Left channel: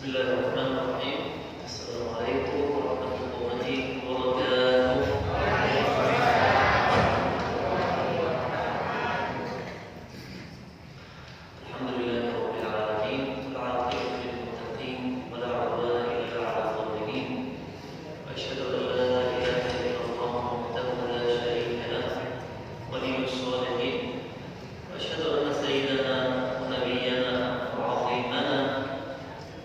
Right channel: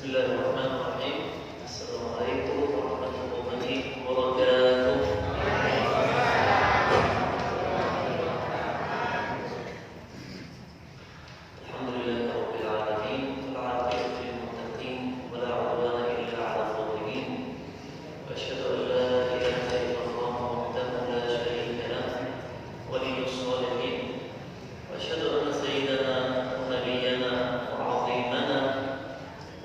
Bismillahirrahmanirrahim. Assalamualaikum warahmatullahi wabarakatuh. Alhamdulillahirabbil alamin. Al-'aqibatu lil muttaqin wa la 'udwana illa 'alal zalimin. Wa asyhadu an la ilaha illallah wahdahu la syarika lahu waliyyus shalihin. Wa asyhadu anna sayyidana nabiyyana wa 'azimana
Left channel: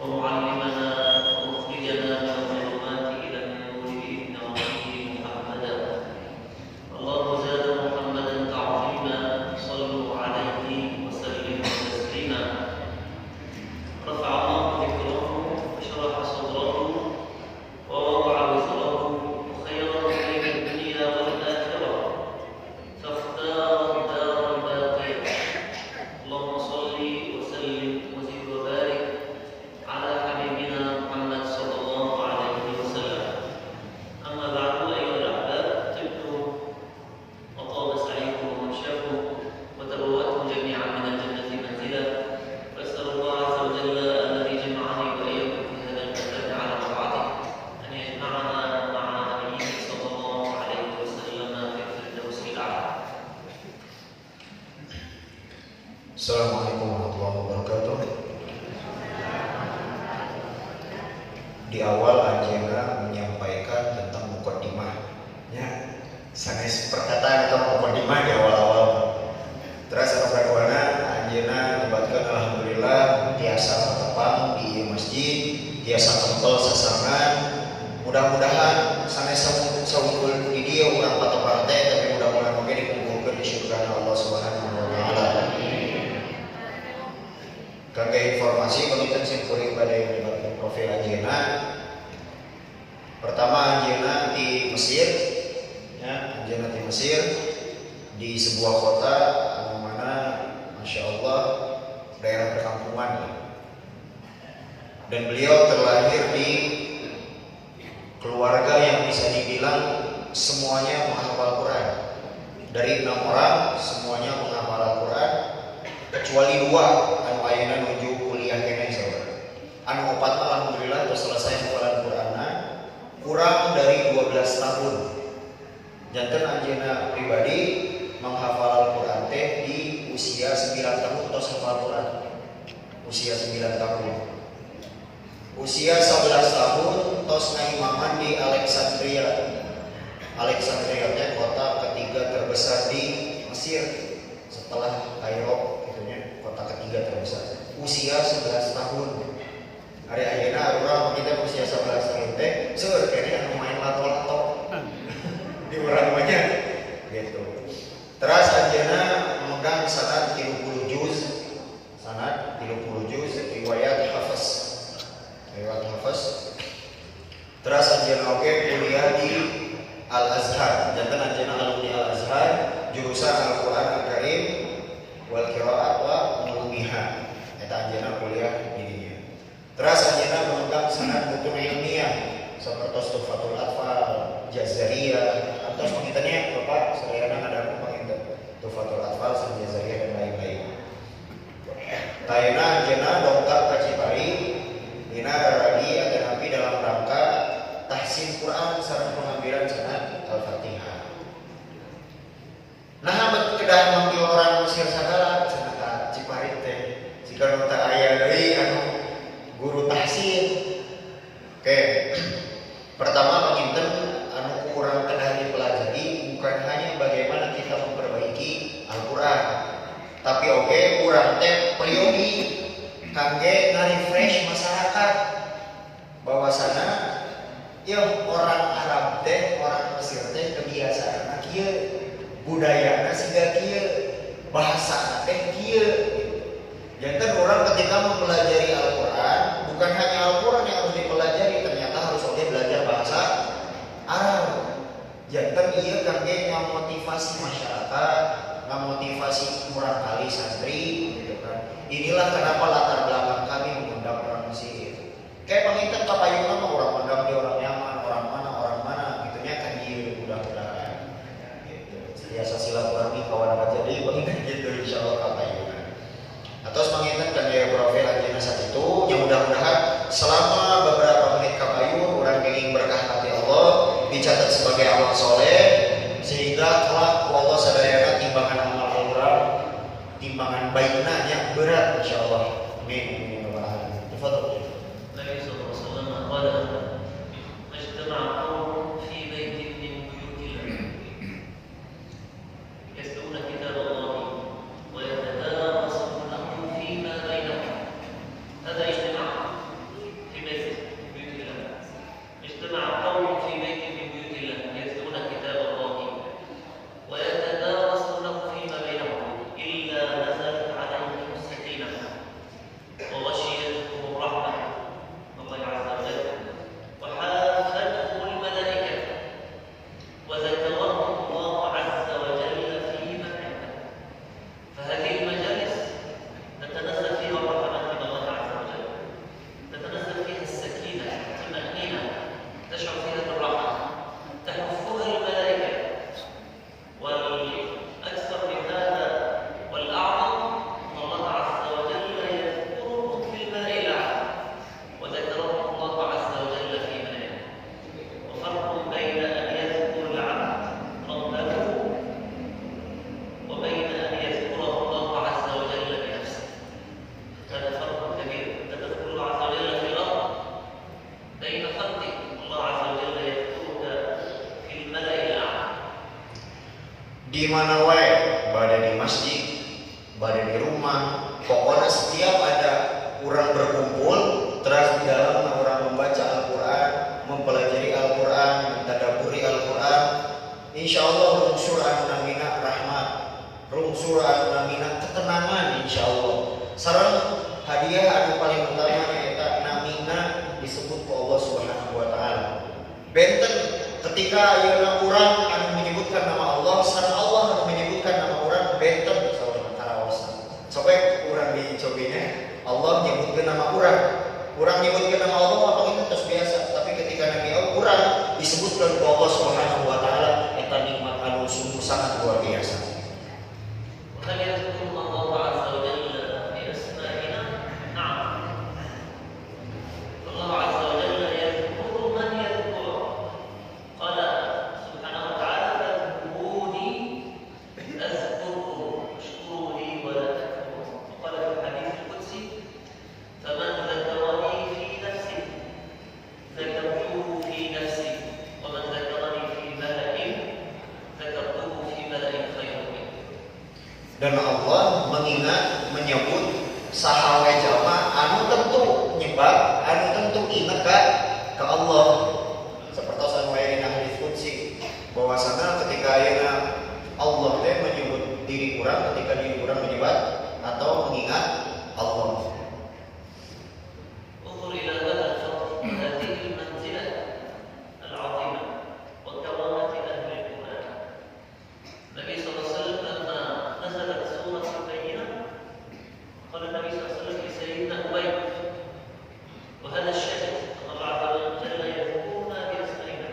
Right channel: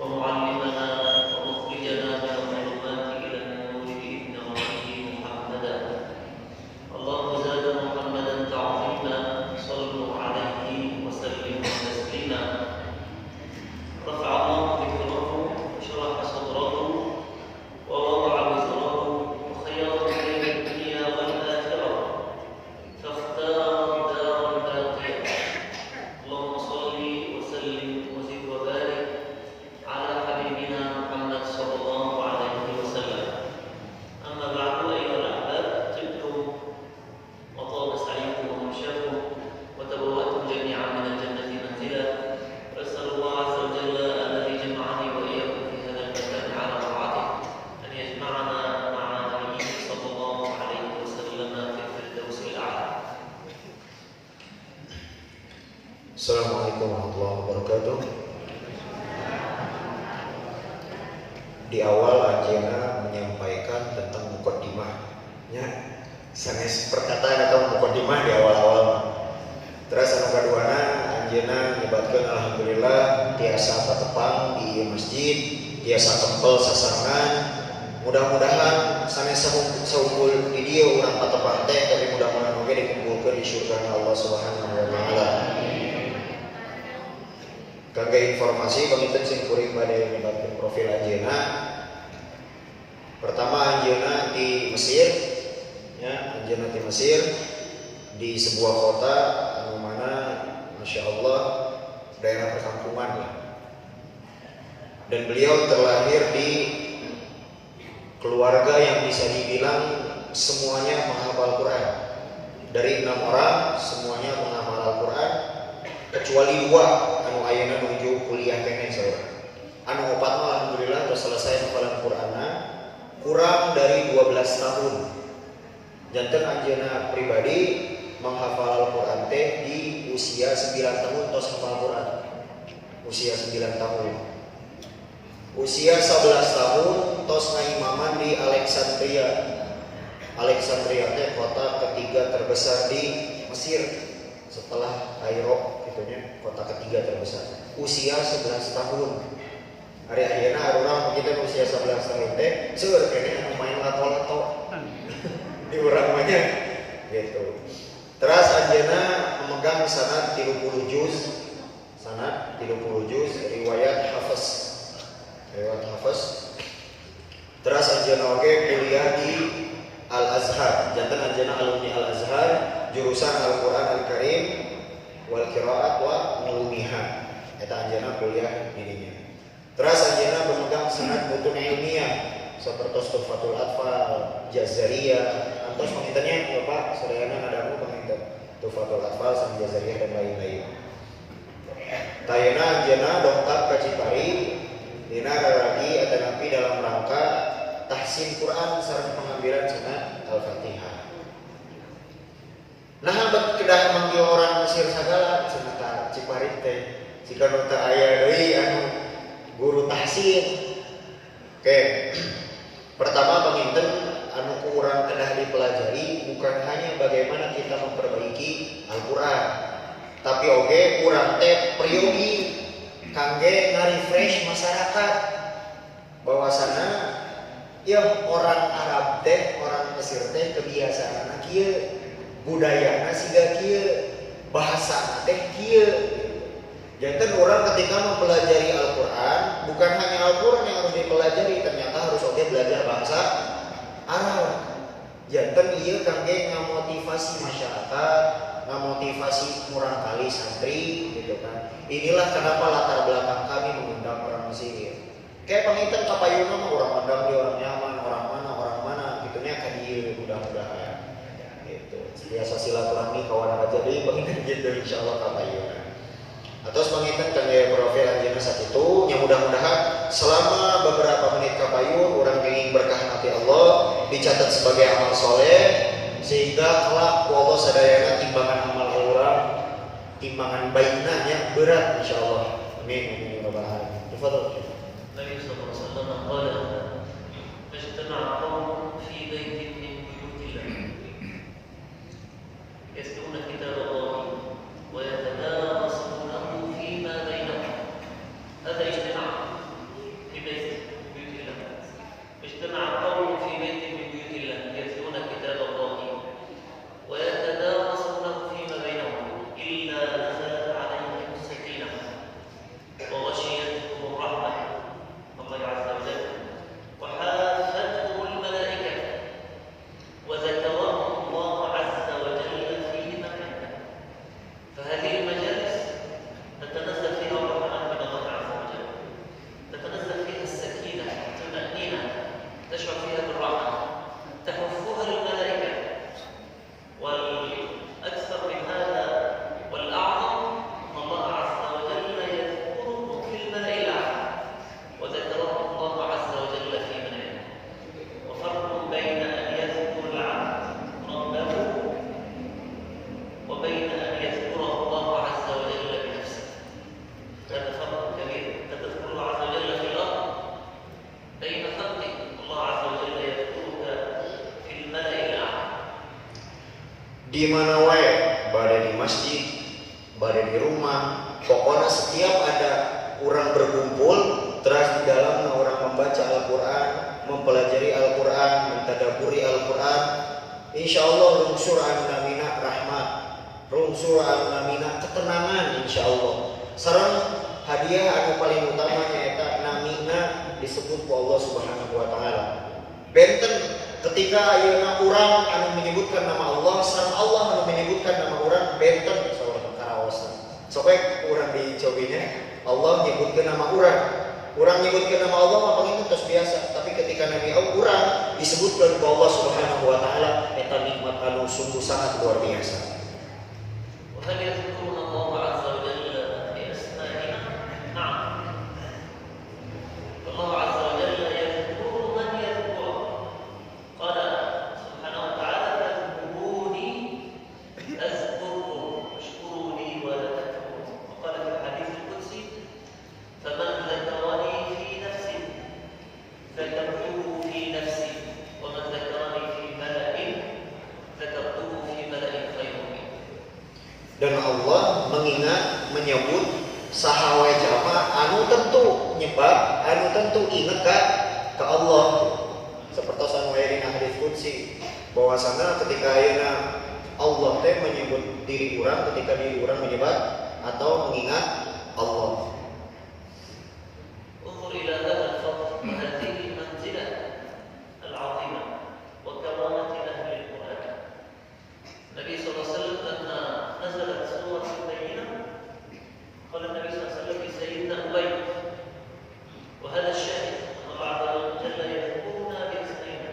ومعلمنا ومخرجنا من الظلمات إلى النور بإذن ربه محمدا اللهم زاد محمدا تعظيما صلوا عليه وسلموا تسليما رفع الله ذكره وشرح صدره ووضع وزره وخير خير الدنيا والآخرة فاختار الدار الباقية اللهم صل وسلم وزد وبارك على حبيبنا محمد صلى الله عليه وسلم. أما بعد أيها الأحباب، طبتم وطاب سعيكم وممشاكم وتبوأتم جميعا من الجنة منزلا، وأسأل الله عز وجل الذي جمعني وإياكم في هذا المكان على طاعته أن يجمعنا مع نبيه صلى الله عليه وسلم في الفردوس الأعلى. Assalamualaikum warahmatullahi wabarakatuh. Di awal Anjena menyampaikan tentang mukaddimahnya, sanes perkataan atau mukaddimah di awal-awal. Terus kaduana Anjena menyebutkan alhamdulillah tiasa patepang di masjid, tiasa kempel sasangan. Mudah-mudahan sanes saunggul di dieu urang patepang teh, tapi mudah-mudahan oge dikumpulkeun di surga Allah Subhanahu wa taala. Kangge informasi pangitun sing kuring bade menyebarkan profil Anjeuna. Pertama Anjeuna di Mesir, ya Anjeuna di Mesir di sebuah kota anu mana masya Allah daerah perkampungan. Dan beliau terlahir di keluarga yang bisa dibilang semuanya menghafal Quran. Dari 6 orang semuanya menghafal Al-Quran kecuali 2 anu ayeuna nuju kuliah keneh saudara. Anu 4 mah alhamdulillah sudah selesai hafalan Qur'anna kurang dari 12 tahun. Janten Anjeuna pribadi menghafal Al-Qur'an teh di usia 9 tahun tos hafal Qur'an. Usia 9 tahun. Usia 11 tahun tos ngaimaman di Alexandria. Alexandria teh kota ketiga terbesar di Mesir setelah Kairo. Kota ketiga terbesar. Usia 11 tahun. Hari ayeuna urang kita usia 11 tahun teh seueur kene anu main lato-lato. Di urang mah gitu. Terus Anjeuna memegang sanad 30 juz. Sanad 30 juz riwayat Hafiz. Riwayat Hafiz. Terus Anjeuna oge kuliah di Al-Azhar. Janten Anjeuna alumni Al-Azhar, jurusan Al-Qur'an Al-Karim wal qiraat wa ulumiha. Eta Anjeuna kuliah di dinya. Terus Anjeuna memegang sanad mutun ilmiah sapertos Tuhfatul Atfal, Jazariyah, antos mangitanya Bapak sadayana ngadangu panginten Tuhfatul Atfal, San Jazariyah dan lain-lain. Tayana Anjeuna dongkap ka Cipari dina raragi atanapi dalam rangka tahsin Quran sareng pengambilan sanad Al-Fatihah. Nah, kedah manggil orang Mesir sagala cenah Ciparit teh. Jika nu teu aya deui anu guru tahsin. Oke. Pertama panginten anu kurang kedah dipelajari bukan hanya bagaimana kita memperbaiki Al-Qur'an, tapi oke kurang teh priyogi kangge nge-refresh masyarakat bahwasana ya orang Arab teh, orang Mesir teh kebiasaan kieu. Budayana siga kieu, bahasa teh kieu. Janten orang ketika mempelajari Al-Qur'an, bukan hanya Al-Qur'an yang harus dipelajari, ternyata harus oge belajar bahasa Arab. Janten ieu kangge ngamotivasi masyarakat, ngamotivasi murang kali santri gitu kan. Inilah kenapa latar belakang kami mengundang orang Mesir. Kayak panginten kapayuna mah urang mandang di orang Yaman, orang mana gitunya ka ieu mudah-mudahan. Biasa silaturahmi kawan raja deui panginten gitu insyaallah kapayuna. Atau panginten dan gaya profil Anjeuna saat itu yang mudah-mudahan selalu dicatat sebagai amal soleh, sehingga kelak Allah sadayana timbangan amal orang, timbangan baiknya yang berat insyaallah. Amin. Tafadhol. Nabi sallallahu alaihi wasallam qala majtama'a qawmun fi baitin min buyutillah yatluna kitab Allah wa yatadarasunahu fima bainahum. Hadha ijtima' fi baitin min buyutillah. Majtama'a qawmun fi baitin min buyutillah yatluna kitab Allah wa yatadarasunahu fima bainahum illa nazalat 'alaihim as-sakinah wa ghashiyatuhum الرحمة الله عز وجل وحافتهم الملائكة وذكرهم الله عز وجل في من عنده. فهذه المجالس تتنزل فيها الرحمات من الله عز وجل، تتنزل فيها السكينة، الطمأنينة، تشعر فيها بالراحة، تحفها الملائكة. والأكثر من هذا والأعظم أن الله عز وجل يذكرهم في الملأ الأعلى وذكرهم الله عز وجل في من عنده. وفرق بين أن يذكر العبد ربه وبين أن يذكره الله عز وجل بنفسه. هذا فرق كبير. تذكر الله عز وجل في الأرض بين خلقه، الله عز وجل يذكرك في الملأ الأعلى. Di mana wae, pada di masjid, pada di rumah, pokoknya setiap ada orang berkumpul, terus di dalam orang membaca Al-Quran, mempelajari Al-Quran, mentadaburi Al-Quran, insya Allah rungsur namina rahmat, rungsur namina ketenangan insya Allah. Sarang hadiah anu paling utama eta namina disebut ku Allah Subhanahu wa taala. Benten ketika ayeuna urang anu menyebutkan nama Allah, sareng Allah anu menyebutkan nama urang benten saurang karaosan. Sokek urang dicobine Allah menyebutkan nama urang. Urang menyebutkan nama Allah apa itu terus biasa, tapi ketika Nabi urang disebutkan ku Allah Subhanahu wa taala, eta nikmat anu sungguh sangat luar biasa. وهل يذكرون الله عز وجل بأسمائنا؟ نعم. الله عز وجل يذكر من يذكره. قال سبحانه وتعالى فاذكروني أذكركم واشكروا لي ولا تكفرون. وقال في الحديث القدسي فمن ذكرني في نفسي ذكرته في نفسي ومن ذكرني في ملأ ذكرته في ملأ خير منه. Dan Allah mengingat, menyebut sahawe jama anu tentu nyebab, anu tentu ingat ke Allah. Seperti anu aya dina hadits qudsi, bahwasana ketika ayeuna Allah teh menyebut diri urang, ketika diri urang menyebut atau mengingat Allah. انظر إلى هذا الفضل وهذه المنزلة العظيمة وكرامة أهل القرآن. النبي صلى الله عليه وسلم لما نزلت سورة البينة قال النبي صلى الله عليه وسلم لسيدنا أبي وهذا الشاهد أن الله عز وجل يذكرنا بأسمائنا.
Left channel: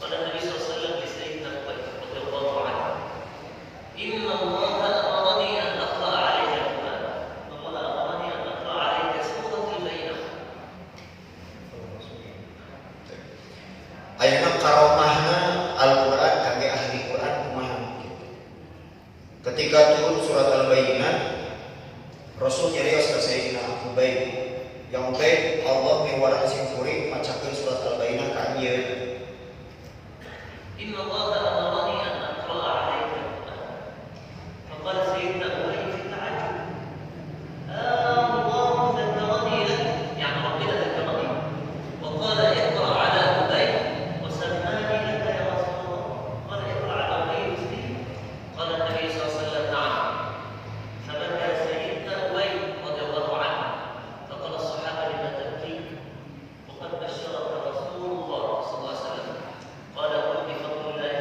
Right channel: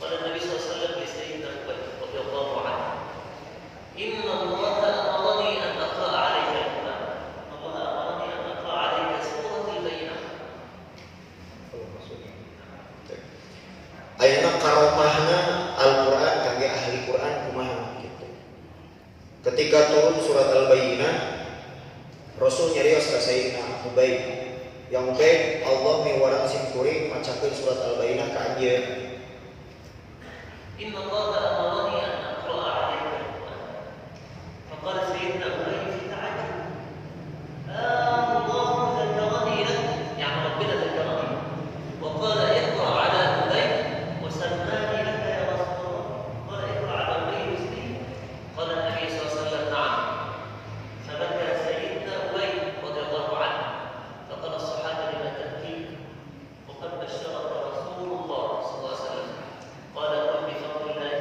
قال النبي صلى الله عليه وسلم لسيدنا أبي رضي الله عنه إن الله أمرني أن أقرأ عليك القرآن. الله أمرني أن أقرأ عليك سورة البينة. Ayeuna karomahna Al-Qur'an kangge ahli Qur'an kumaha gitu. Ketika turun surat Al-Bayyinah, Rasul nyarios ka Sayyidina Ubay. Yang Ubay Allah miwarang sing kuring macakeun surat Al-Bayyinah ka anjeun. إن الله أمرني أن أقرأ عليك القرآن. فقال سيدنا أبي في تعجب الله ذكرني لك، يعني ربنا ذكرني وقال اقرأ على أبي وسماني لك يا رسول الله. قال اقرأ على أبي مسلم. قال النبي صلى الله عليه وسلم نعم. فبكى سيدنا أبي رضي الله عنه فقال الصحابة لما تبكي وقد بشرك رسول الله صلى الله عليه وسلم. قال قل بفضل الله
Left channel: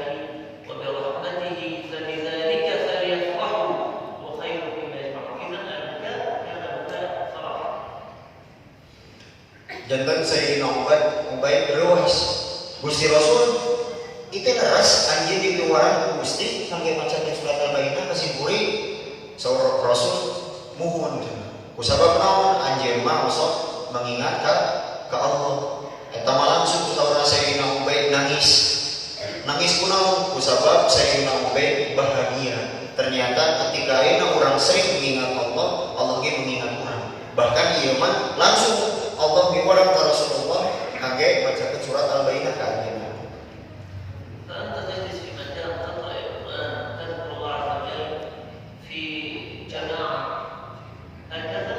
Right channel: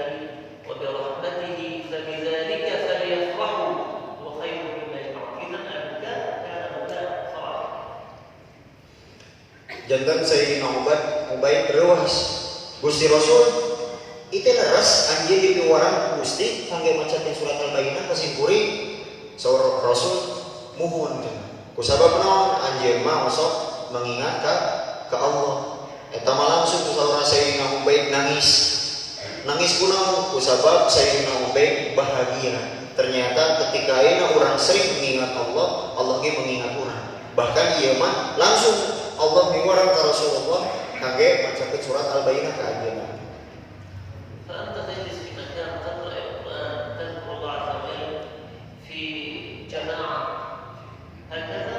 وبرحمته فبذلك فليفرحوا وخير مما يجمعون. إذا البكاء كان بكاء فرح. Jantan Sayyidina Ubay berwas Gusti Rasul itu leres anjeun dipiwaran Gusti kangge macakeun surat Al-Bayyinah ka simpuri saur Rasul muhun kusabab naon anjeun mah osok mengingat ka Allah. Eta mah langsung saur Sayyidina Ubay nangis nangis kunaon kusabab saya baik bahagia. Ternyata ketika ayeuna urang sering mengingat Allah, Allah ge mengingat urang. Bahkan ieu mah langsung Allah miwarang ka Rasulullah kage maca surat Al-Baqarah ka ayeuna. فأنت تجلس في مكان تقرأ القرآن تذكر الله عز وجل في جماعة هكذا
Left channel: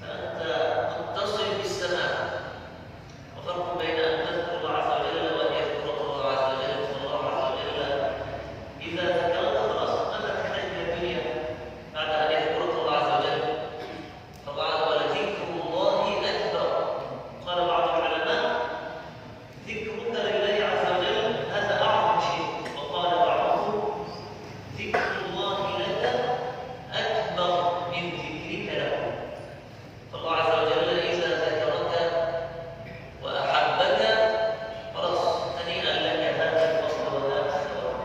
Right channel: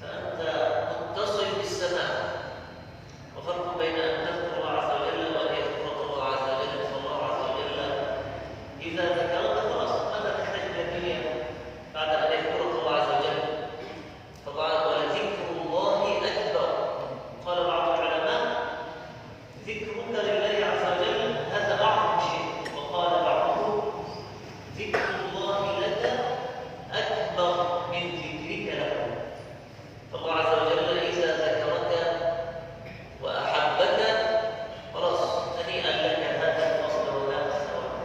فأنت متصل بالسماء وفرق بين أن تذكر الله عز وجل وأن يذكرك الله عز وجل فالله عز وجل إذا ذكرت خلاص أنت تحتاج إلى الدنيا بعد أن يذكرك الله عز وجل فالله ولذكر الله أكبر قال بعض العلماء ذكرك لله عز وجل هذا أعظم شيء وقال بعضهم ذكر الله لك أكبر من ذكرك له فالله عز وجل إذا ذكرك وأحبك خلاص هنيئا لك هذا الفصل وهذا الثواب.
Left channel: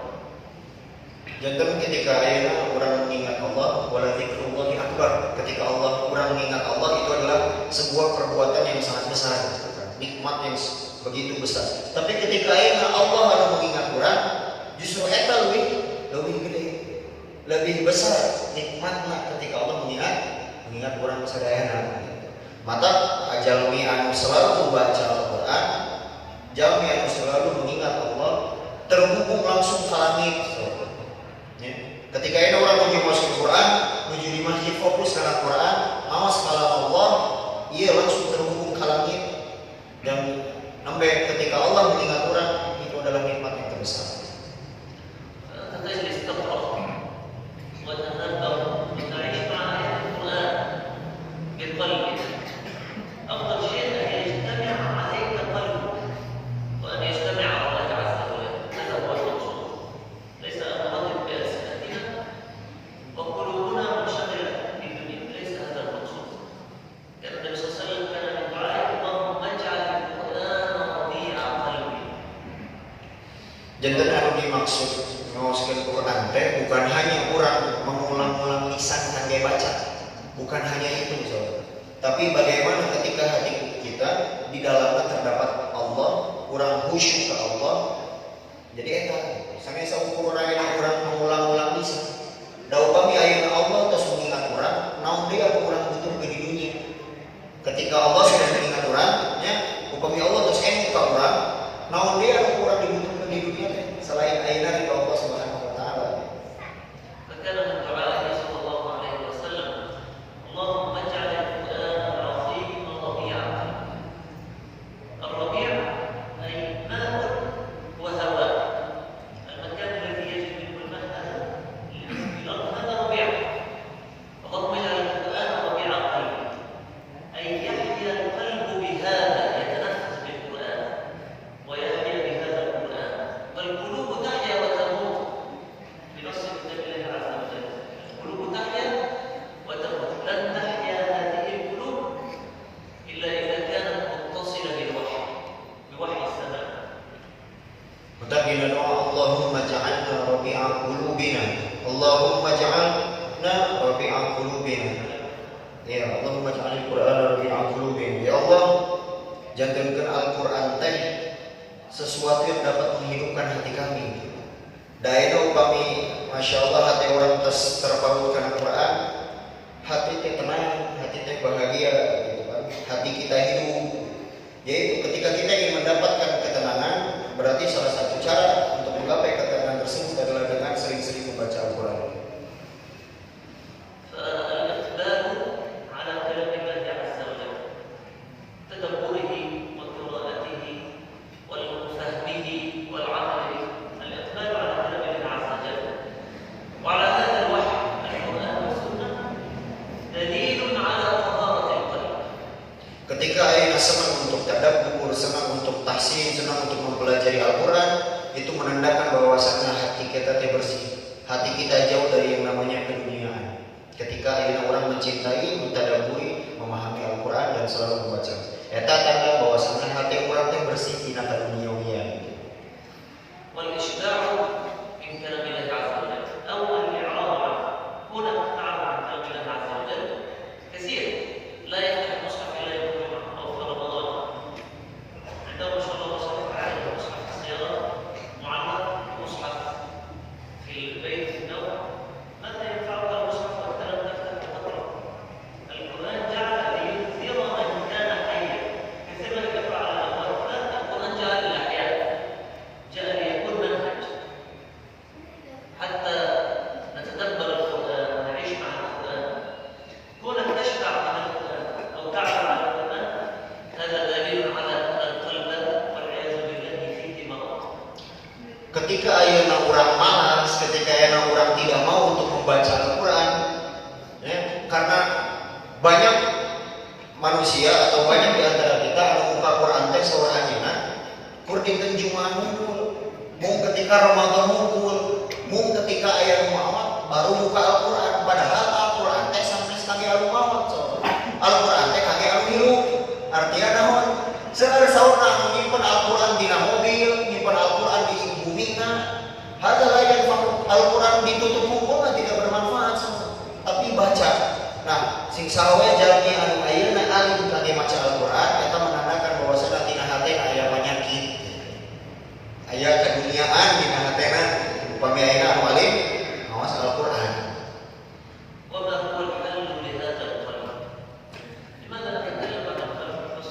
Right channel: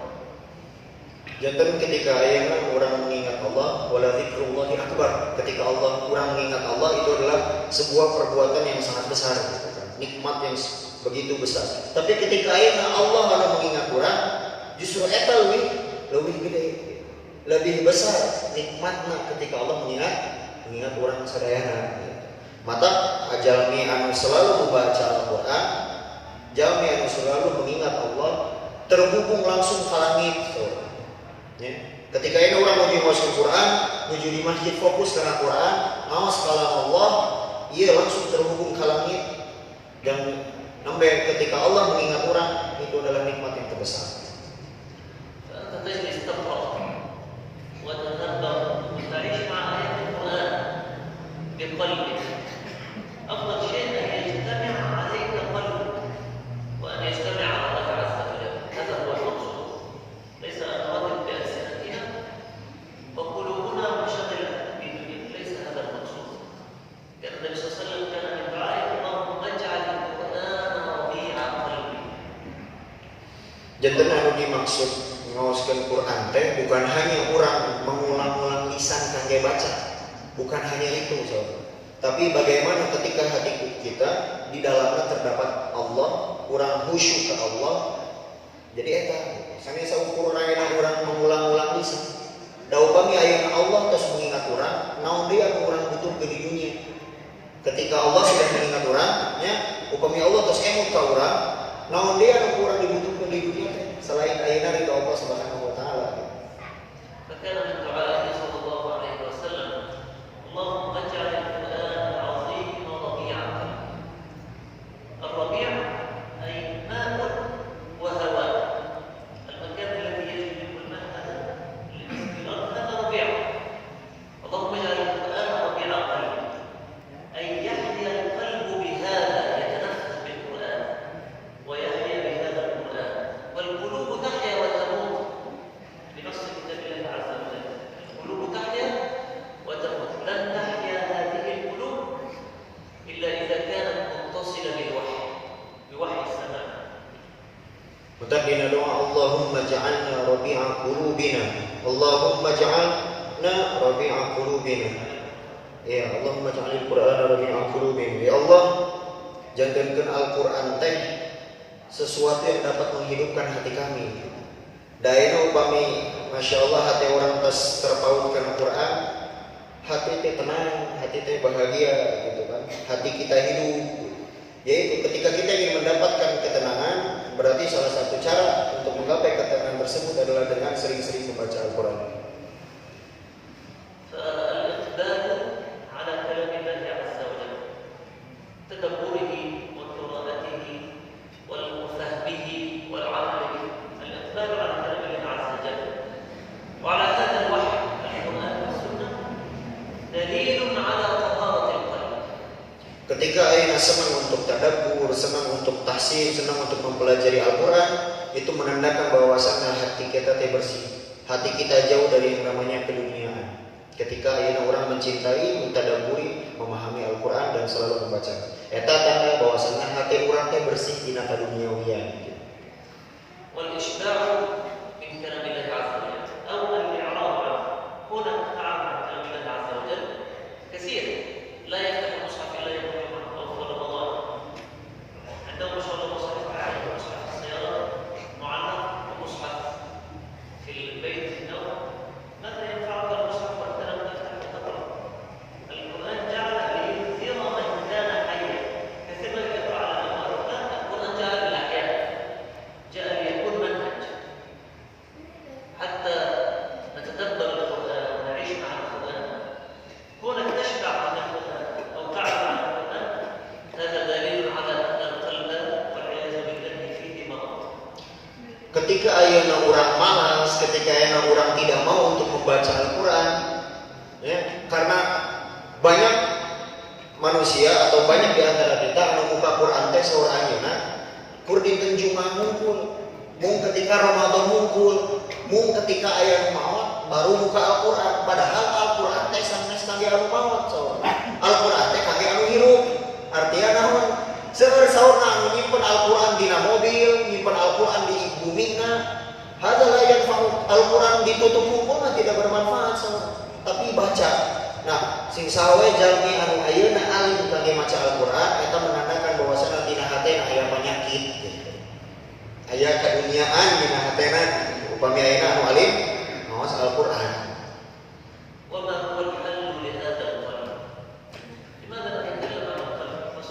Jantan ketika ayeuna urang mengingat Allah, wala dzikrullahi akbar. Ketika Allah urang mengingat Allah itu adalah sebuah perbuatan yang sangat besar, nikmat yang begitu besar. Tapi ketika ayeuna Allah anu mengingat urang, justru eta lebih gede, lebih besar nikmatna ketika Allah mengingat urang sadayana. Mata jalmi anu selalu membaca Al-Qur'an, jalmi anu selalu mengingat Allah, terhubung langsung ka langit. Ya. Ketika ini orang mau masuk Quran, menuju di masjid fokus ke Quran, awas kalam Allah, ia langsung terhubung ke langit. Dan sampai ketika Allah mengingat orang, itu adalah nikmat yang terbesar. تجلس تقرأ وتتدبر وتعيش مع آيات القرآن بقلبك أفضل شيء أن يجتمع عليك قلبك وأن يجتمع على الله عز وجل هذا هو المقصود ليس أن نردد بألسنتنا وقلوبنا منشغلة بالدنيا ليس هذا المقصود كان النبي صلى الله عليه وسلم كان من دعائه اللهم اجعل القرآن ربيع قلبي. Jantan anu dimaksud ngaoskeun Quran teh bukan hanya orang mengulang-ulang lisan kangge baca, bukan hanya itu saudara. Tapi bagaimana ketika hati kita di dalamnya terdapat Allah, orang khusyuk ke Allah. Jadi eta sange saukur ayeuna urang mengulang-ulang lisan. Da upami ayeuna Allah tos mengingat urang, naon deui anu urang butuh di dunia. Ketika Allah sudah mengingat urang, nya upami Allah tos emu ka urang, naon deui anu urang dibutuhkeun di dunia selain ayeuna ridho Allah Subhanahu wa taala. فكان من دعائه صلى الله عليه وسلم اللهم اجعل القرآن العظيم ربيع قلبي. الربيع أي ماء وهواء المكان الذي يجري منه الماء هذا في الأرض هذا ربيع. اللهم اجعل القرآن ربيع قلبي أي يحيا القلب بهذا يتنفس بالقرآن ويحيا بهذا القرآن والقلوب تحيا وتموت بنص كتاب الله عز وجل. القلوب تحيا وتموت لن تحيا هذه القلوب إلا إذا كانت متصلة بالوحي بوحي السماء. Mutadina doa Allahumma ja'alna rabi'a qulubina. Allahumma ja'alna rabi'a qulubina. Ya Allahumma ja'alil Qur'ana rabi'a qulubina. Ya Allah, jadikan Al-Qur'an teh sesuatu yang dapat menghidupkan hati kami. Daina upami Masya Allah hati orang terpaut karena Quran, hati teh tenang, hati teh bahagia gitu kan. Hati kita hidup. Yaitu ketika kita ingin mendapatkan ketenangan, berarti salah satu cara untuk menggapai ketenangan tersebut adalah dengan sering-sering membaca Al-Quran. فالإقبال على كلام الله عز وجل تدبره وقراءته وفهمه والعمل به. الإقبال على كلام الله عز وجل وعلى هذا الوحي القرآن والسنة دليل على طهارة القلب. Ketika ayeuna senang untuk tadabbur, senang untuk tahsin, senang untuk mempelajari Al-Quran, itu menandakan bahwasannya hati kita bersih, hati kita jauh dari yang namanya keduniaan. Ketika ayeuna orang mencintai, mentadabburi, memahami Al-Quran dan selalu membaca, eta tanda bahwasannya hati orang bersih tina kaduniawian. والإشباع من كلام الله عز وجل أو الإعراض عنه. هنا نتعرف عن كلام الله عز وجل كثير لا يفتح المصحف إلا يوم الجمعة أو في رمضان. عنده ما شاء الله مصحف عالي ومصحف السيارة ketika ayeuna orang malas, ketika ayeuna orang tidak mau untuk membaca Al-Quran, ya, karena banyak manusia atau banyak di antara kita anu buka Quran teh saur ayeuna kur dinten Jumat ngumpul, mung ketika Ramadan ngumpul, mung ketika aya nu maot baru buka Al-Quran, padahal Al-Quran teh sanes kage anu maot saur. Al-Quran teh kage anu hirup. Artinya naon? Seueur saurna anu nyimpen Al-Quran dina mobil, nyimpen Al-Quran di bumina, hadalah yang Al-Quran ditutup hukumna tidak bermanfaat semua. Tapi baca. Nah, sing sawe jalmi anu ayeuna alim kangge maca Al-Quran eta menandakan bahwasana tina hatena aya penyakit. Aya kaduniaan dina hatena upami ayeuna anu alim maos Al-Quran. Wa ma huwa al-ilmu li hadzal qalam. Limadha natakallamu an al-qalb bas?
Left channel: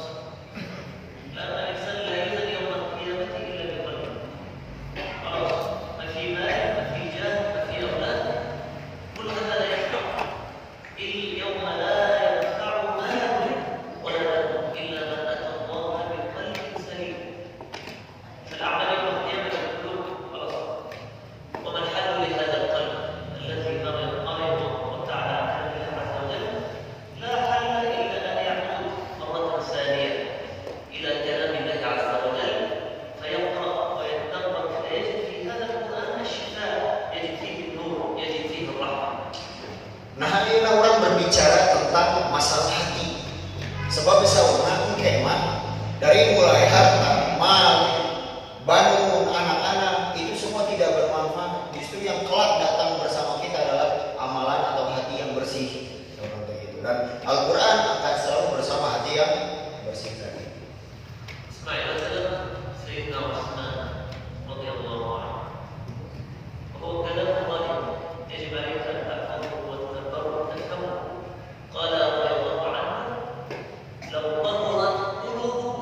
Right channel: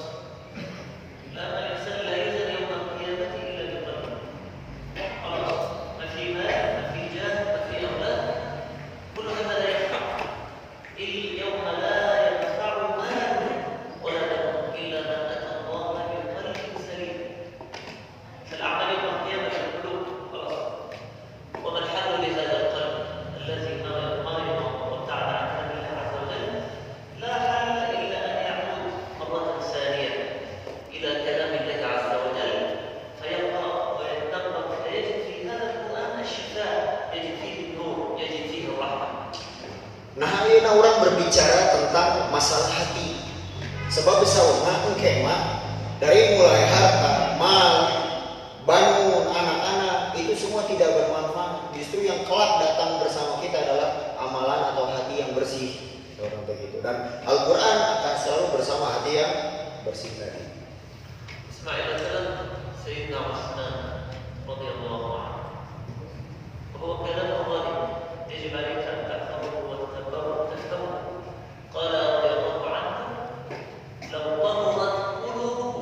La'anna al-insan la yuzan yawm al-qiyamati illa bi qalbi. Khalas, ma fi mal, ma fi jah, ma fi awlad. Kull hadha la yanfa'. اليوم لا ينفع مال ولا بنون إلا من أتى الله بقلب سليم. فالأعمال يوم القيامة القلوب خلاص. وما الحل لهذا القلب الذي مرض وابتعد عن كلام الله عز وجل؟ لا حل إلا أن يعود مرة ثانية إلى كلام الله عز وجل فيقرأ ويتدبر فيجد في هذا القرآن الشفاء، يجد فيه النور، يجد فيه الرحمة. Nah, ayeuna orang berbicara tentang masalah hati. Sebab saurna engke mah dari mulai harta, mal, banu, anak-anak itu semua tidak bermanfaat. Justru yang kelak datang bersama kita adalah amalan atau hati yang bersih. Seorang begitu. Dan Al-Quran akan selalu bersama hati yang bersih tadi. Ismail adalah Sayyidina Utsman radhiyallahu anhu. Bahwa kalam Allah يجب عليك أن تحفظه وتتدبره. قال رضي الله عنه: لو طهرت قلوبه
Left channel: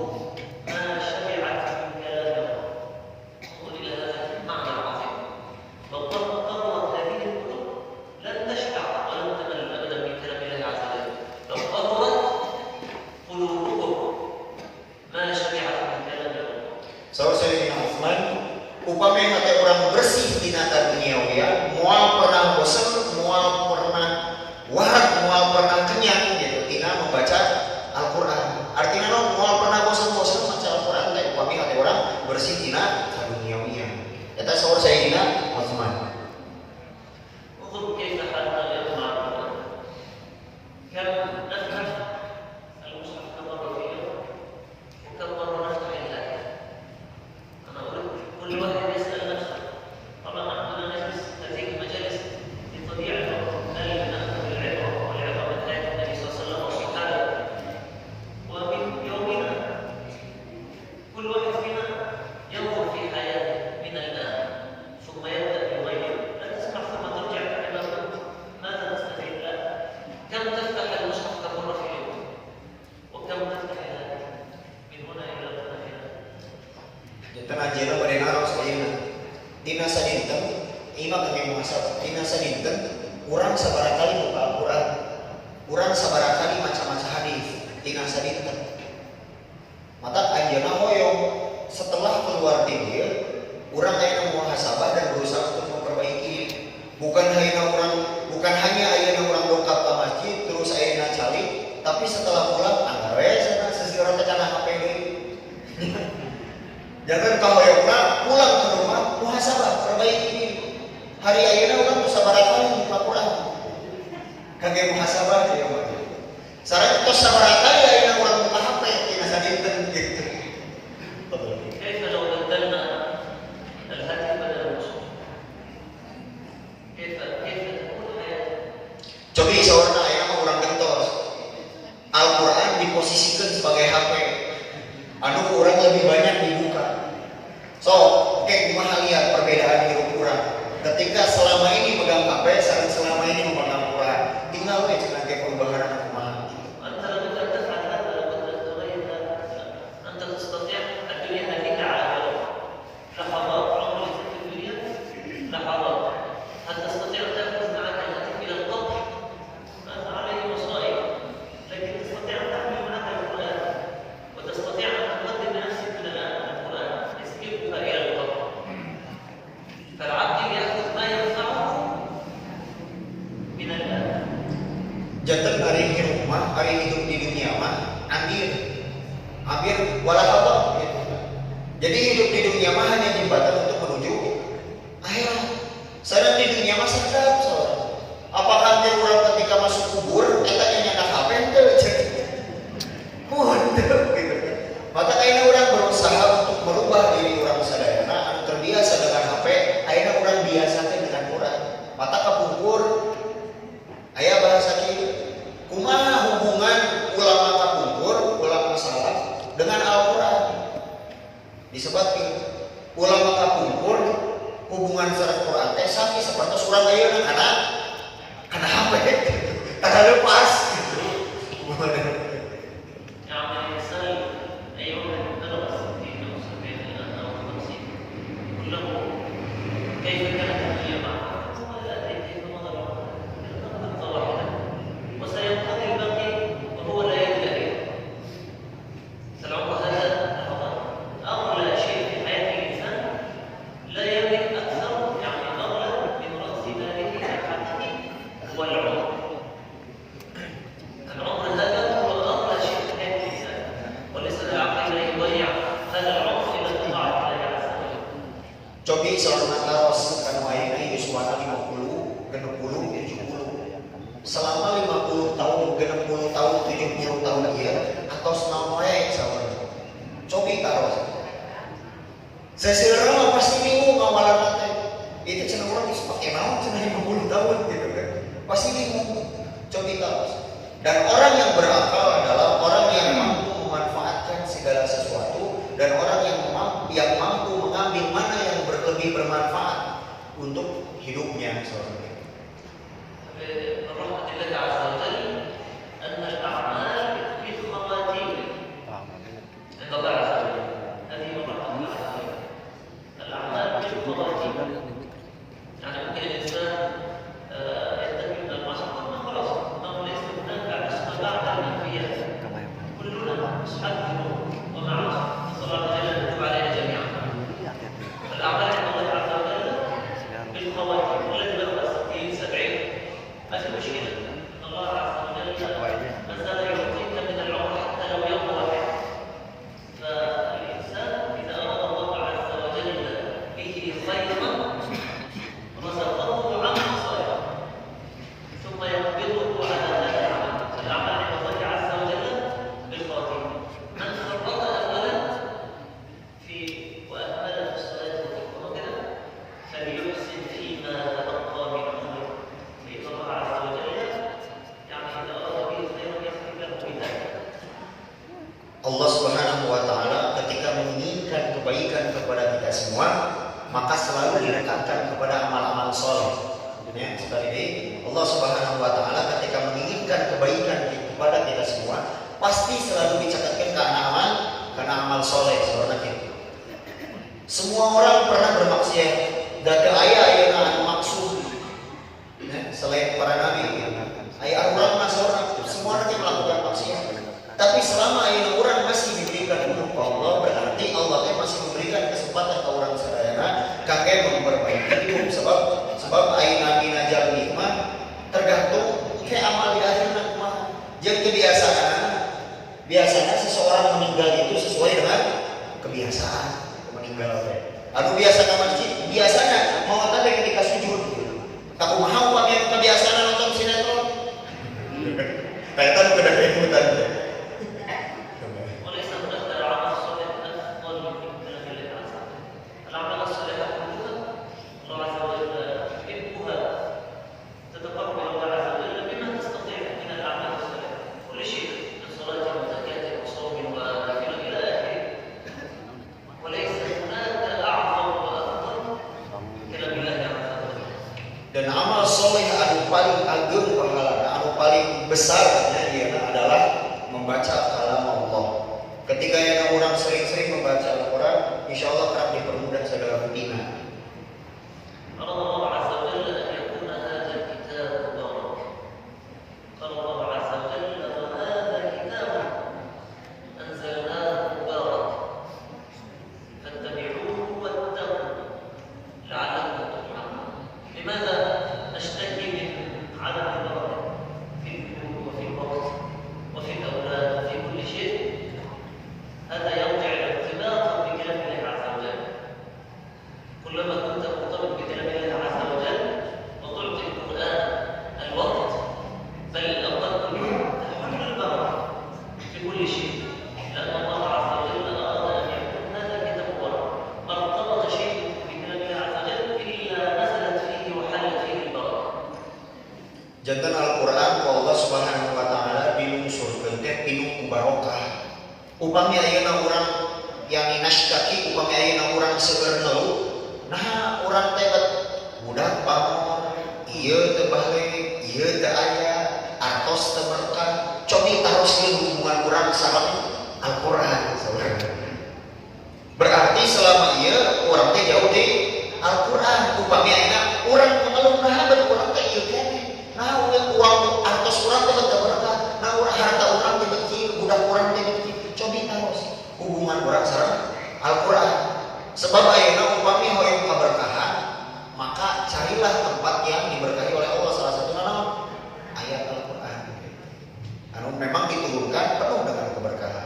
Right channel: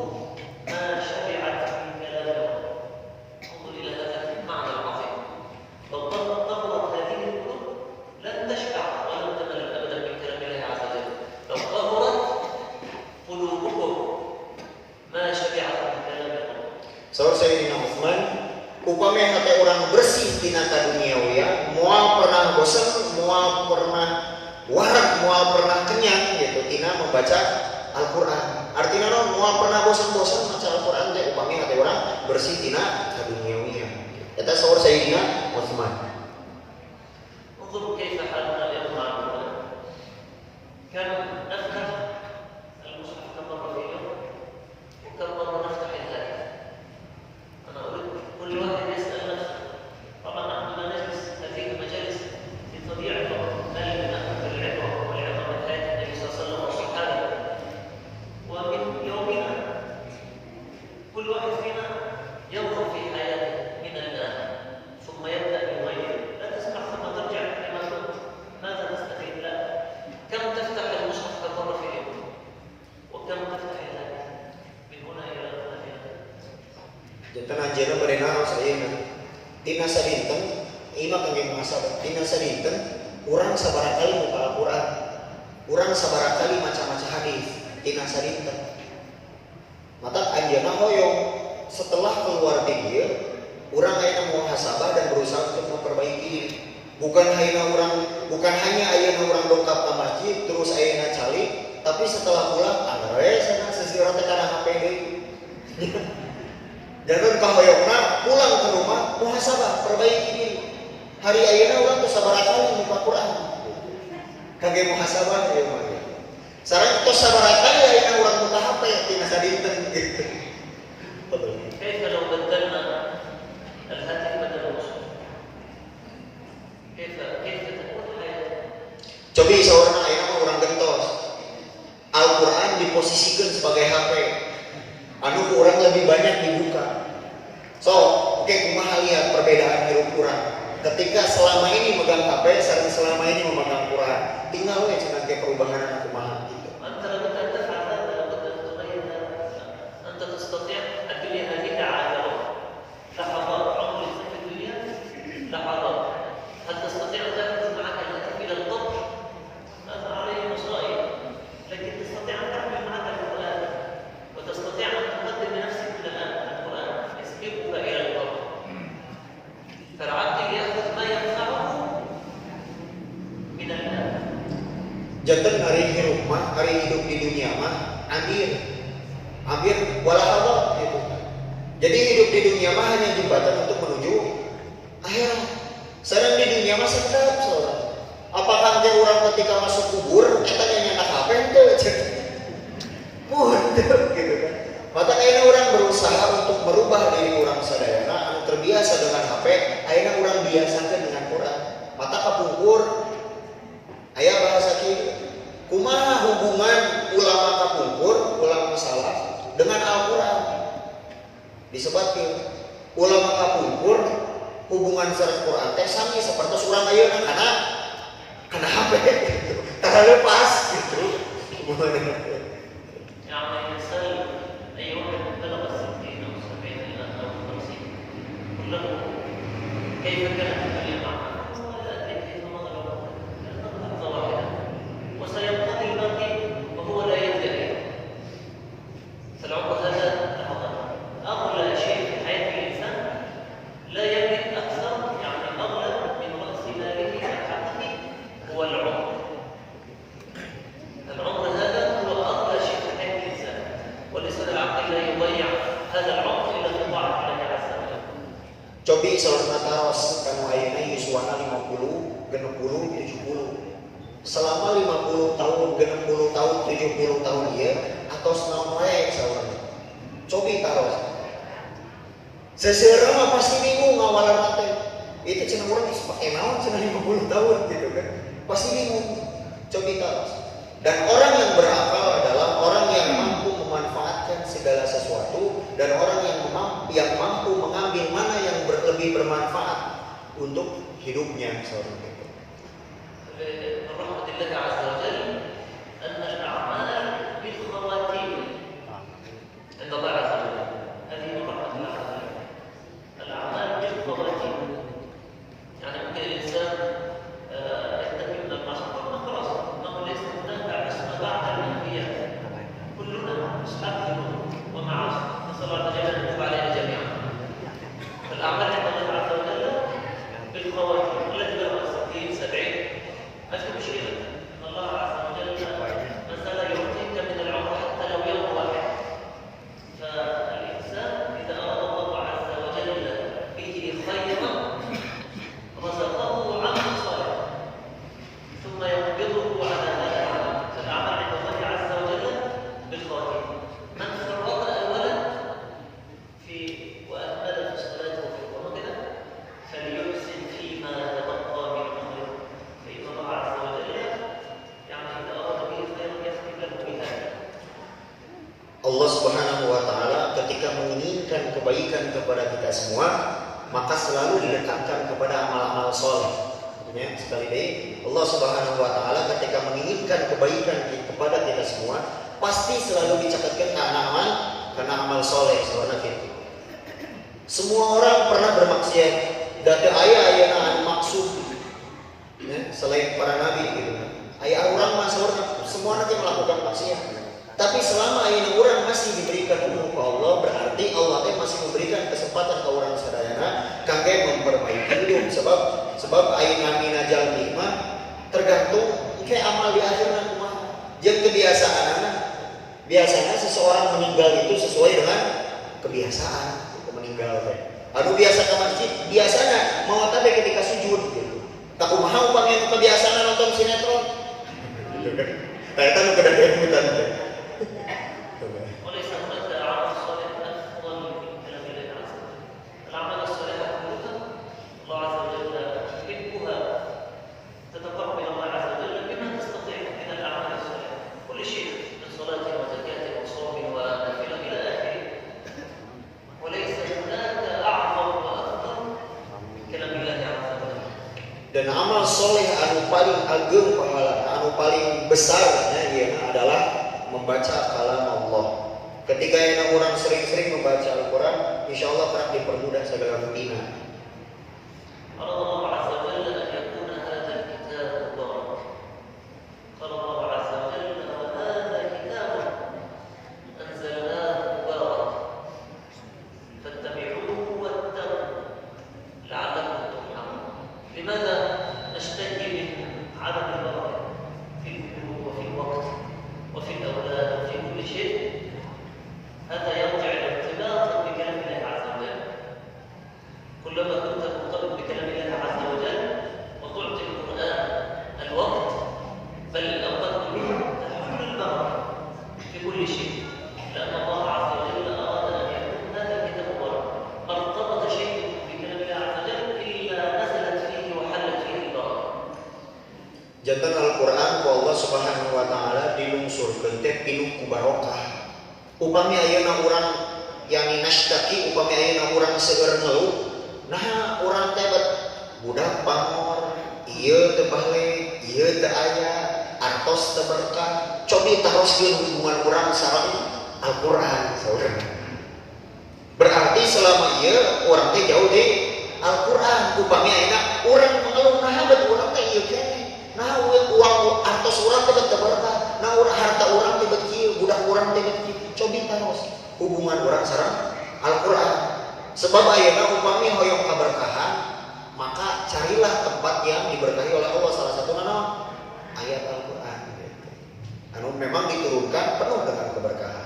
ما شبعت من كلام الله. انظر إلى هذا المعنى العظيم. لو طهرت هذه القلوب لن تشبع ولن تمل أبدا من كلام الله عز وجل. لو طهرت قلوبهم ما شبعت من كلام الله. Saur Sayyidina Utsman, upami hati orang bersih tina duniawi, moal pernah bosan, moal pernah warak, moal pernah kenyang gitu tina membaca Al-Quran. Artinya moal pernah bosan-bosan membaca Al-Quran teh upami hati orang bersih tina duniawi. Eta saur Sayyidina Utsman. انظر كيف حالنا اليوم مع القرآن. كم نفتح المصحف كم مرة في اليوم وكم مرة نفتح الآية. أنا أريد كل واحد يسأل نفسه. طبعا نحن لا نجلس هذه المجالس لتضييع الوقت بل لنأخذ العبرة والعبرة من آيات النبي صلى الله عليه وسلم وصحابه. ومن يومنا كل واحد فينا ينظر في حياته من الآن ثم يبدأ يغير. لا تسمع ثم ترجع لما كنت. ماذا نستفيد؟ لا. كم تفتح المصحف كم مرة في اليوم؟ وكم تفتح الآية من هنا إلى هنا في هذا؟ Jantan ajeuna merenang sayeuna. Dina sadinten, imam kangge muhasabah. Dina sadinten, urang sabarakali buka Al-Quran. Urang sabarakali maca-maca hadis. Dina sadinten. Mata ajeuna hoyong setelah keluar di dieu, urang aya muhasabah dan berusaha untuk memperbaiki. Bukan hanya ayeuna urang dongkap ka masjid terus ayeuna cali, tapi setelah pulang anggar sana sesirat kana HP deui. Jangan kahoyongna pulang ke rumah muhasabah, perbaiki diri. Hari ayeuna urang teu sabarakali buka Quran. Kangge muhasabah ya mah. Sareng tos sabarakali ayeuna urang buka HP tina sadinten gitu. كيف لو بدلنا الهاتف بدل المصحف؟ كيف تكون حياتنا؟ Cobi sawarna ayeuna urang gentos. Al-Quran diposisikan sebagai HP. Anu urang lebih banyak dibuka. So, oke, kumaha lihat perbedaan hirup urang. Ketika selama ini megang HP, sering selama ini memegang Quran. Tinggal we cenah ge perubahan anu kumaha gitu. أنت لابد أن تفعل هذا، لابد أن تغير هذا. أنت تستطيع الدنيا هذه عابرة، لحظات. عمر الإنسان في الدنيا لحظات. هل تستطيع أن تأخذ معك الهاتف إلى القبر؟ هذا عليه مصائب. لكن تستطيع أن تحمل معك القرآن وتستطيع أن تقدم لنفسك من الآن القرآن يسبقك إلى القبر. abir walahadah gitu. Jadi hidup di dunia mah hanya jembatan untuk menuju akhirat. Sedang di dunia mah sedap soalnya. Apakah teh orang ketika masuk kubur eta nyanyian HP teu muntah gitu kan. Maka ayeuna orang berusaha untuk merubah diri orang sadayana anu terbiasa dengan HP, ayeuna orang biasakeun dengan Quran. Mata kapungkur aya bahasa kieu. Kumaha hubungan ulama kapungkur, ulama salaf dengan Al-Qur'an? Disebutkeun ulama kapungkur hubungan sareng Quran teh sami sapertos urang ayeuna kana HP gitu. Kana lepas gitu. Cobi salat taros kanu ayeuna yuswana 50, 60, 70. Selama 50 tahun, 60 tahun, 70 tahun ieu atau selama salat. Cobi taros. Seseureuna mah pasti bingung ngawalan teh. Itu cenah urang geus pake naon cenah 50 tahun gitu kan. Pasti bingung. Cobi taros. Dan orang yang berakal adalah orang yang mampu memanfaatkan segala sesuatu dan orang yang mampu mengambil mana yang lebih bermanfaat untuk hidupnya seorang itu. Allah Subhanahu wa taala ketika menginginkan kebaikan kepada kita semua, maka selalu didekatkan kepada amal-amal saleh. Ya, sekali lagi Allah Subhanahu wa taala ketika menginginkan kebaikan kepada kita semua, pasti selalu dicekatkan karena amal saleh seorang kita. Semua orang pernah bermaksiat, dan aya anu maksud. Ya, selain para nabi gitu. Aya orang masyarakat semua nanti melakukan maksiat. Tapi selama ayeuna urang masih diberikan umur ke Allah, berarti Allah masih memberikan kesempatan ke orang sadayana kangge memperbaiki hidup. Sebab ayeuna mina jalmi mah tergantung ke amal di akhirna kumaha. Jeung kebiasaanna. Biasanya seseorang meninggal itu sesuai dengan kebiasaan meninggal teh. Anu biasa ka masjid, biasana mau tadi ketika sujud gitu. Kakumaha upami kebiasaan nonton sinetron. Eta nu kada kemutan teh. Dan amal soleh anu paling ageng pahala, anu paling besarnya ieu adalah membaca kalam Allah. Ketika yang orang sering-sering membaca Al-Quran, insya Allah akan dipermudah segala rutina. وفي الأولاد وفي كل شيء barokah. Upami ayeuna urang yang nashtaki, upami ayeuna urang seueur ngeluh, nah urang teh budak pamor, ieu teu balik, ieu teu aya, artos teu berkah. Cobi taroskeun hubungan urang sareng Al-Qur'an saudara. Berarti selama ieu urang teh jauh di Al-Qur'an. Upami ayeuna urang ngeluh nah bet urang teh ieu keneh. Nah uang artos urang teh teu berkah. Nah urang harta urang teh bet kieu, budak urang teh bet kieu. Cobi taros hubungan urang sareng Al-Qur'an. Sebab ayeuna upami hoyong kaberkahan, maka carilah tempat yang diberkahi oleh Allah. Salah satunya ayat Al-Qur'an. Anu memang diturunkan penuh dengan keberkahan.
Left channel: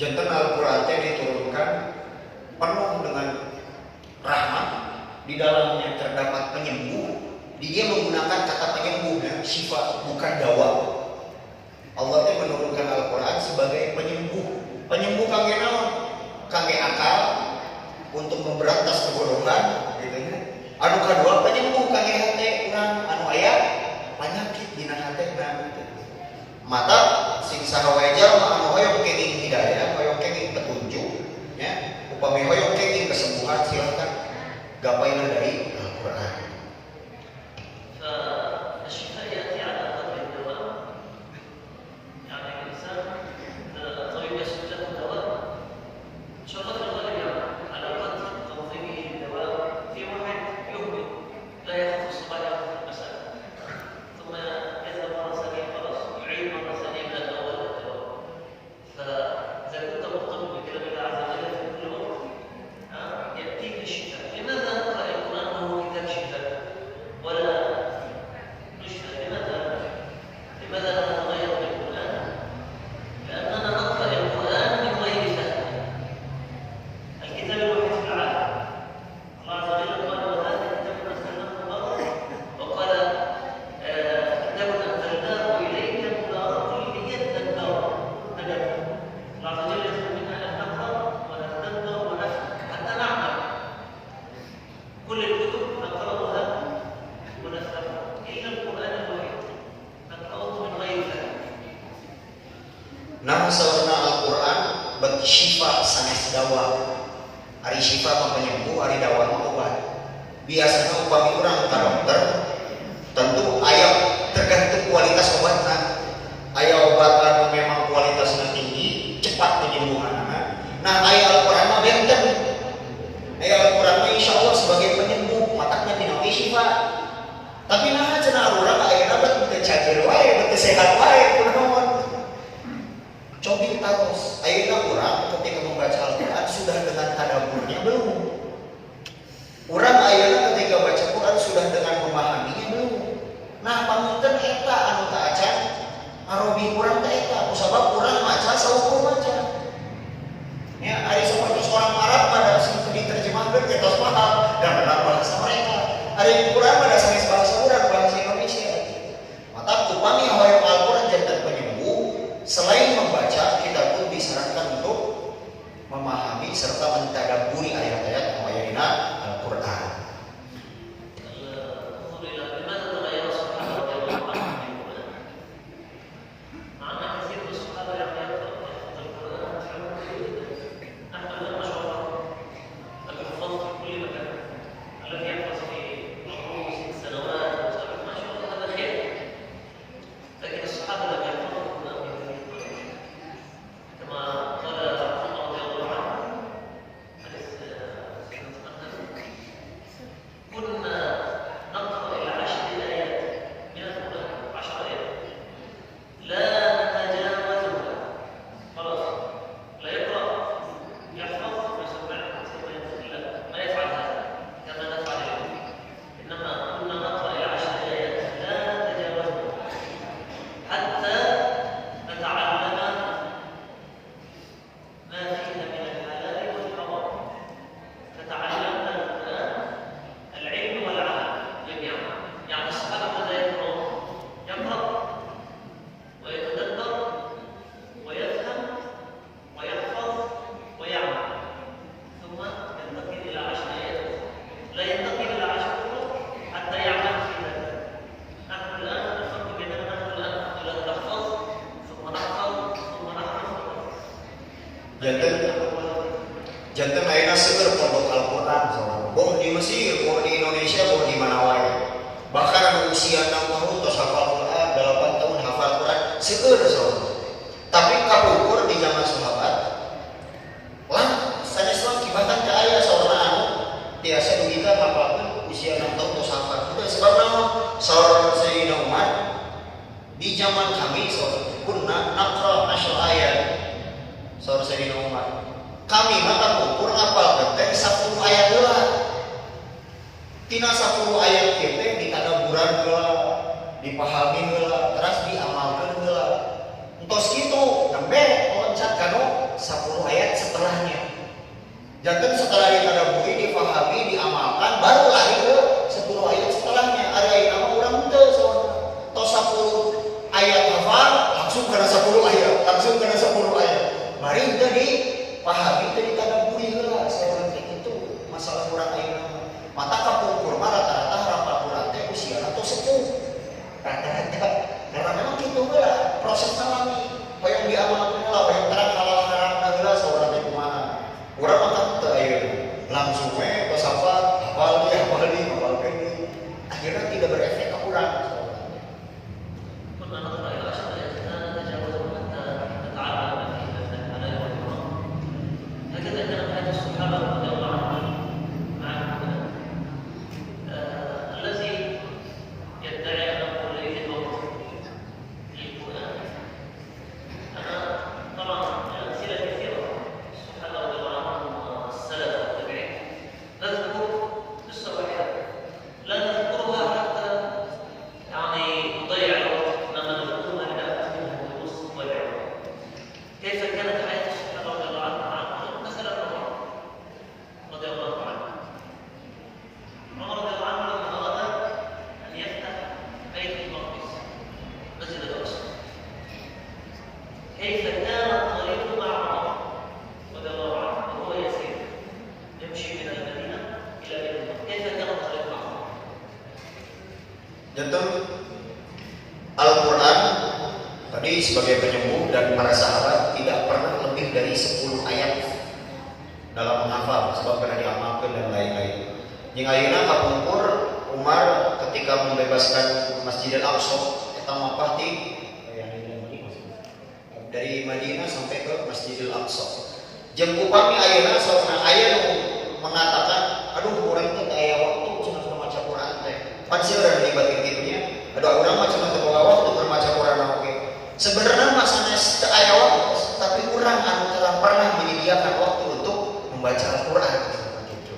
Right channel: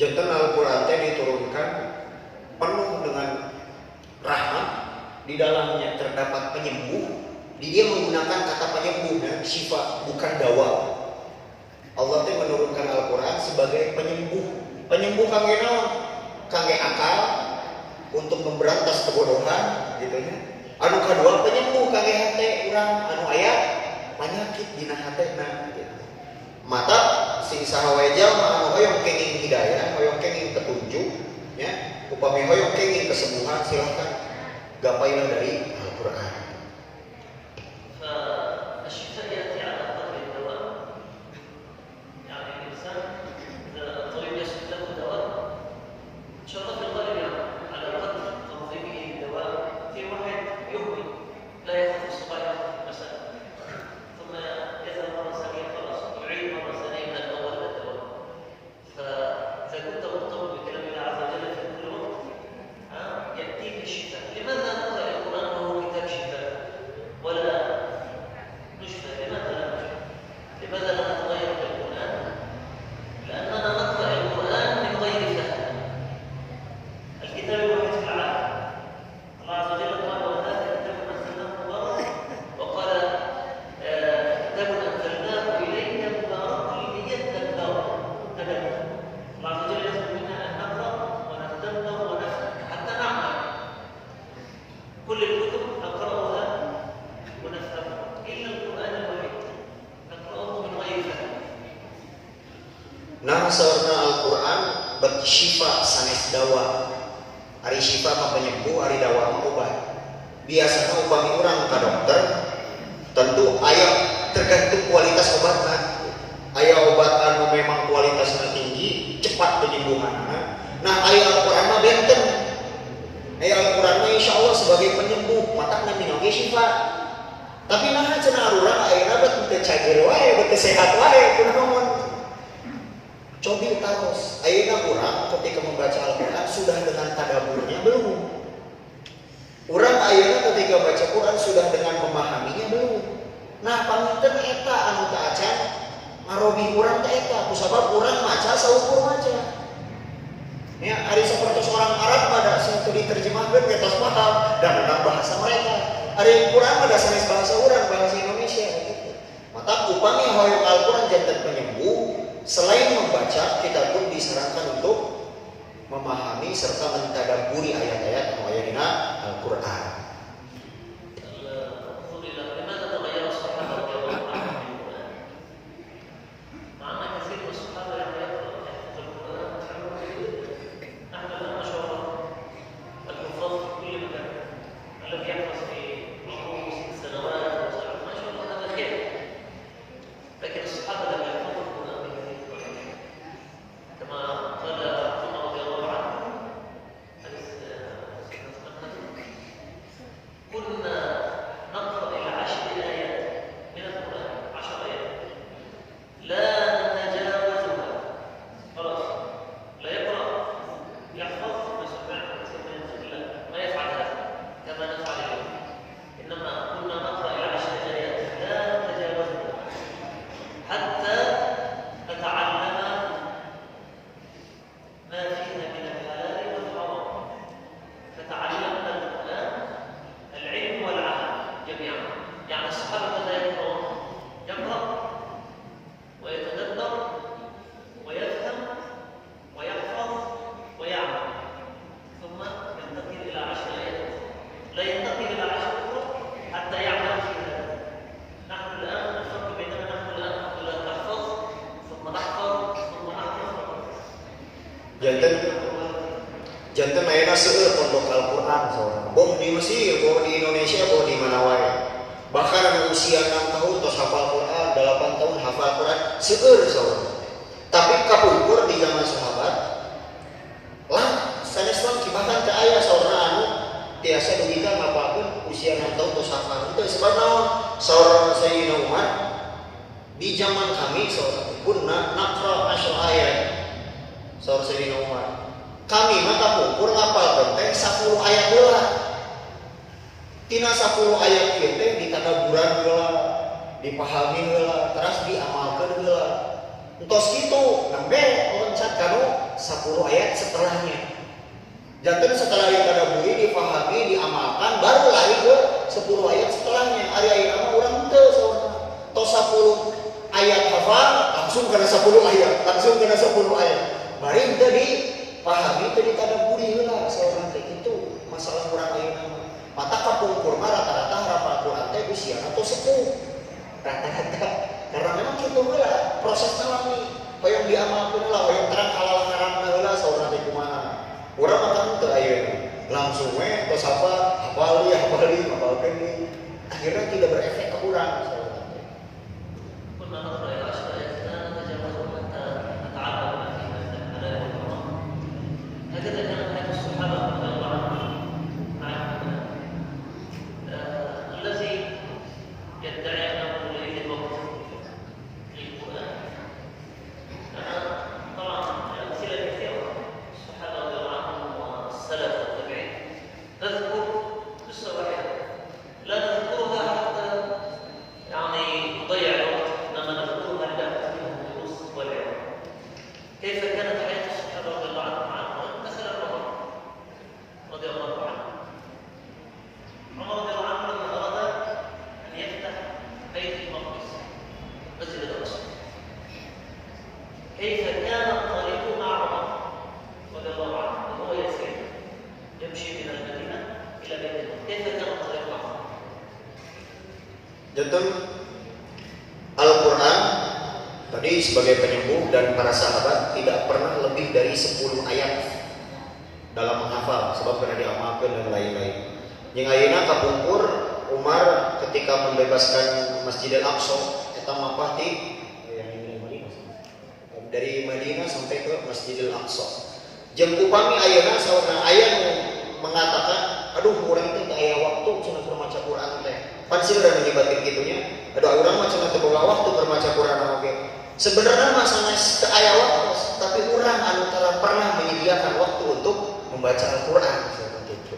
Jantan Al-Qur'an diturunkan penuh dengan rahmat, di dalamnya terdapat penyembuh. Dia menggunakan kata penyembuh dan syifa, bukan dawa. Allah menurunkan Al-Qur'an sebagai penyembuh. Penyembuh kangge naon? Kangge akal untuk memberantas kebodohan, gitu ya. Anu kadua penyembuh kangge hate urang anu aya penyakit dina hatena. Mata sing saha wae jalma anu hoyong kenging hidayah, hoyong kenging petunjuk, ya, upami hoyong kenging kesembuhan, silakan gapailah dari Al-Qur'an. Nah, saurna Al-Qur'an bet syifa sanes dawa. Ari syifa mah penyembuh, ari dawa mah obat. Biasanya upami urang ka dokter, tentu aya tergantung kualitas obatna. Aya obat anu memang kualitasnya tinggi, cepat penyembuhanna. Nah, aya Al-Qur'an mah benten. Aya Al-Qur'an mah insyaallah sebagai penyembuh, matakna dina syifa. Tapi nah cenah urang ayeuna bet teu cager wae, teu sehat wae kunaon. Cobi taros, ayeuna urang ketika membaca Al-Qur'an sudah dengan tadaburnya belum? Urang ayeuna ketika baca Quran sudah dengan memahaminya belum? Nah, pamunten eta anu teu acan ngarobi urang teh eta, kusabab urang maca saukur maca. Ya, ari seperti seorang Arab pada sing teu diterjemahkeun geus paham dan menang bahasa mereka. Ari Quran pada sanes bahasa urang, bahasa Indonesia gitu. Maka upami hoyong Al-Qur'an janten penyembuh. Selain membaca, kita pun disarankan untuk memahami serta mentadabburi ayat-ayat yang ada di Al-Qur'an. لا ينتقل إلى 10 طرق حتى يعمل في هذا. نحن الآن نفرق بينما نحن الآن إلى نحفظ ثم نحفظ ثم نحفظ. Janten ayeuna seueur pondok Al-Qur'an, boh di Mesir, boh di Indonesia, boh di mana wae. Bahkan anu usia 6 tahun tos hafal Quran, 8 tahun hafal Quran, seueur saudara. Tapi kapungkur di zaman sahabat, lah sanes mah kibahan teh aya saudara anu tiasa dugika ngapalkeun usia 6 tahun tos hafal. Itu sebab naon? Saudara Sayyidina Umar di zaman kami saudara kunna naqra 10 ayat. Saudara Sayyidina Umar kami mah kapungkur ngapal teh 10 ayat heula. Tina 10 ayat kieu teh ditadaburan heula, dipahami heula, terus diamalkeun heula. Entos kitu, nembe loncat kanu 10 ayat setelahnya. Janten setelah ditadaburi, dipahami, diamalkan, baru lari ke 10 ayat setelahnya. Ari ayeuna mah urang teu tos 10 ayat hafal, langsung kana 10 ayat, langsung kana 10 ayat. Mari teu dipahami, teu ditadaburi heula saeureun teh kitu masalah urang ayeuna. Mata kapungkur mah rata-rata hafal Quran teh usia atau sepuh. Rata-rata karena memang kitu heula proses alami. Hoyong diamalkeun heula, hoyong terang halal haram heula saurang teh kumaha. Urang mah teu ayeuna. Langsung we tos hafal hafalkeun deui. Akhirnya tidak berefek ke urang. Janten Al-Quran tadi sebagai penyembuh dan para sahabat tidak pernah lebih dari 10 ayat dalam menghafal sebab pernah diamalkan dan lain-lain. Yang ayeuna kapungkur Umar ketika membebaskan Masjidil Aqsa eta mapah ti dari Madinah sampai ke Masjidil Aqsa. Jeung upami ayeuna sauna aya nu mengatakan, aduh urang teh aya waktu cenah maca Quran teh. Pan sih udah menyebabkan gitunya. Ada orang macam macam bawa waktu bermaca Quran oke. Sebenarnya masanya aya waktu, tapi orang anu pernah menyediakan waktu untuk membaca Al-Quran seperti itu.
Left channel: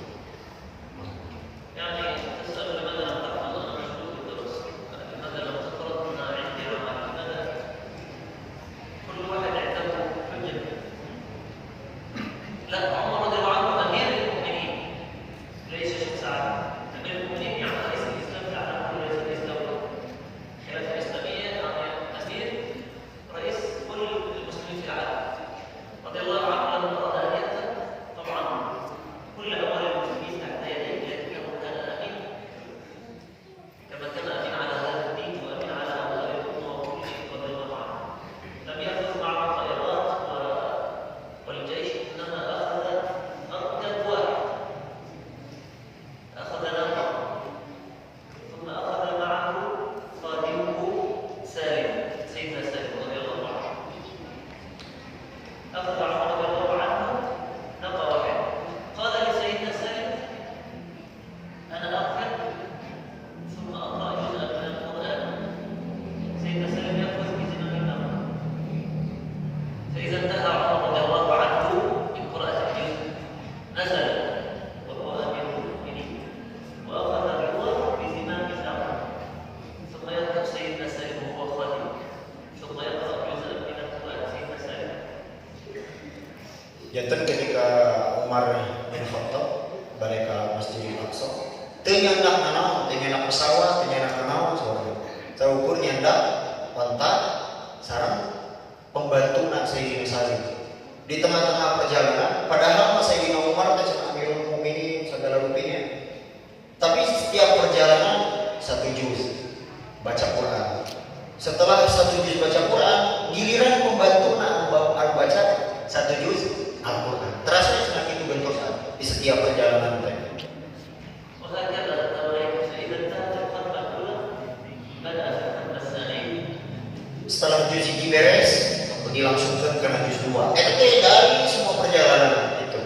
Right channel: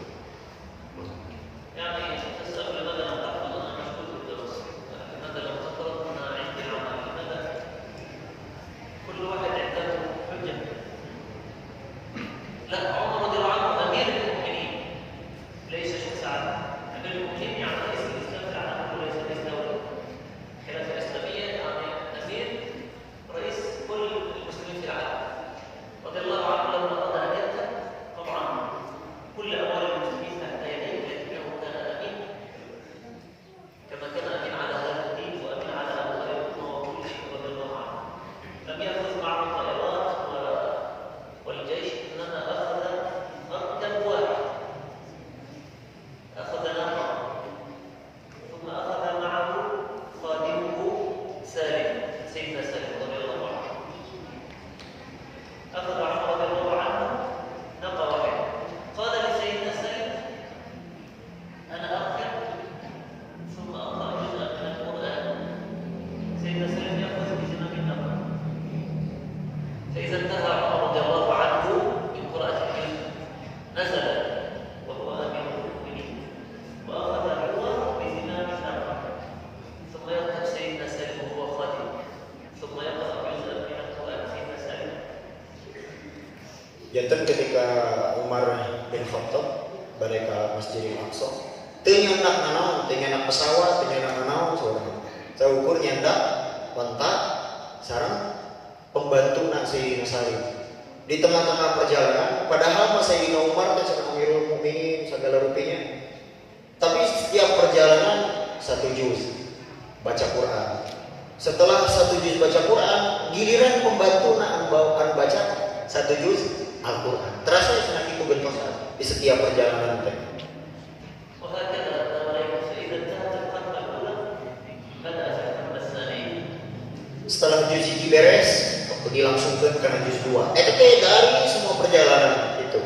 Janten ketika Umar bin Khattab balik ke Masjidil Aqsa, teu nyandak nanaon, teu nyandak pesawat, teu nyandak nanaon saudara. Saukur nyandak onta sareng pembantuna Sayyidina Salim. Di tengah-tengah perjalanan, padahal Sayyidina Umar teh cenah Amirul Mukminin segala rupinya. perjalanan 1 juz baca Quran. Setelah 1 juz baca Quran, giliran pembantu nak baca 1 juz Al-Quran. Terasa senang itu bentuknya di setiap perjalanan kita. Setelah juz 1 beres, dilangsungkan ke juz 2. Itu dari semua perjalanan itu.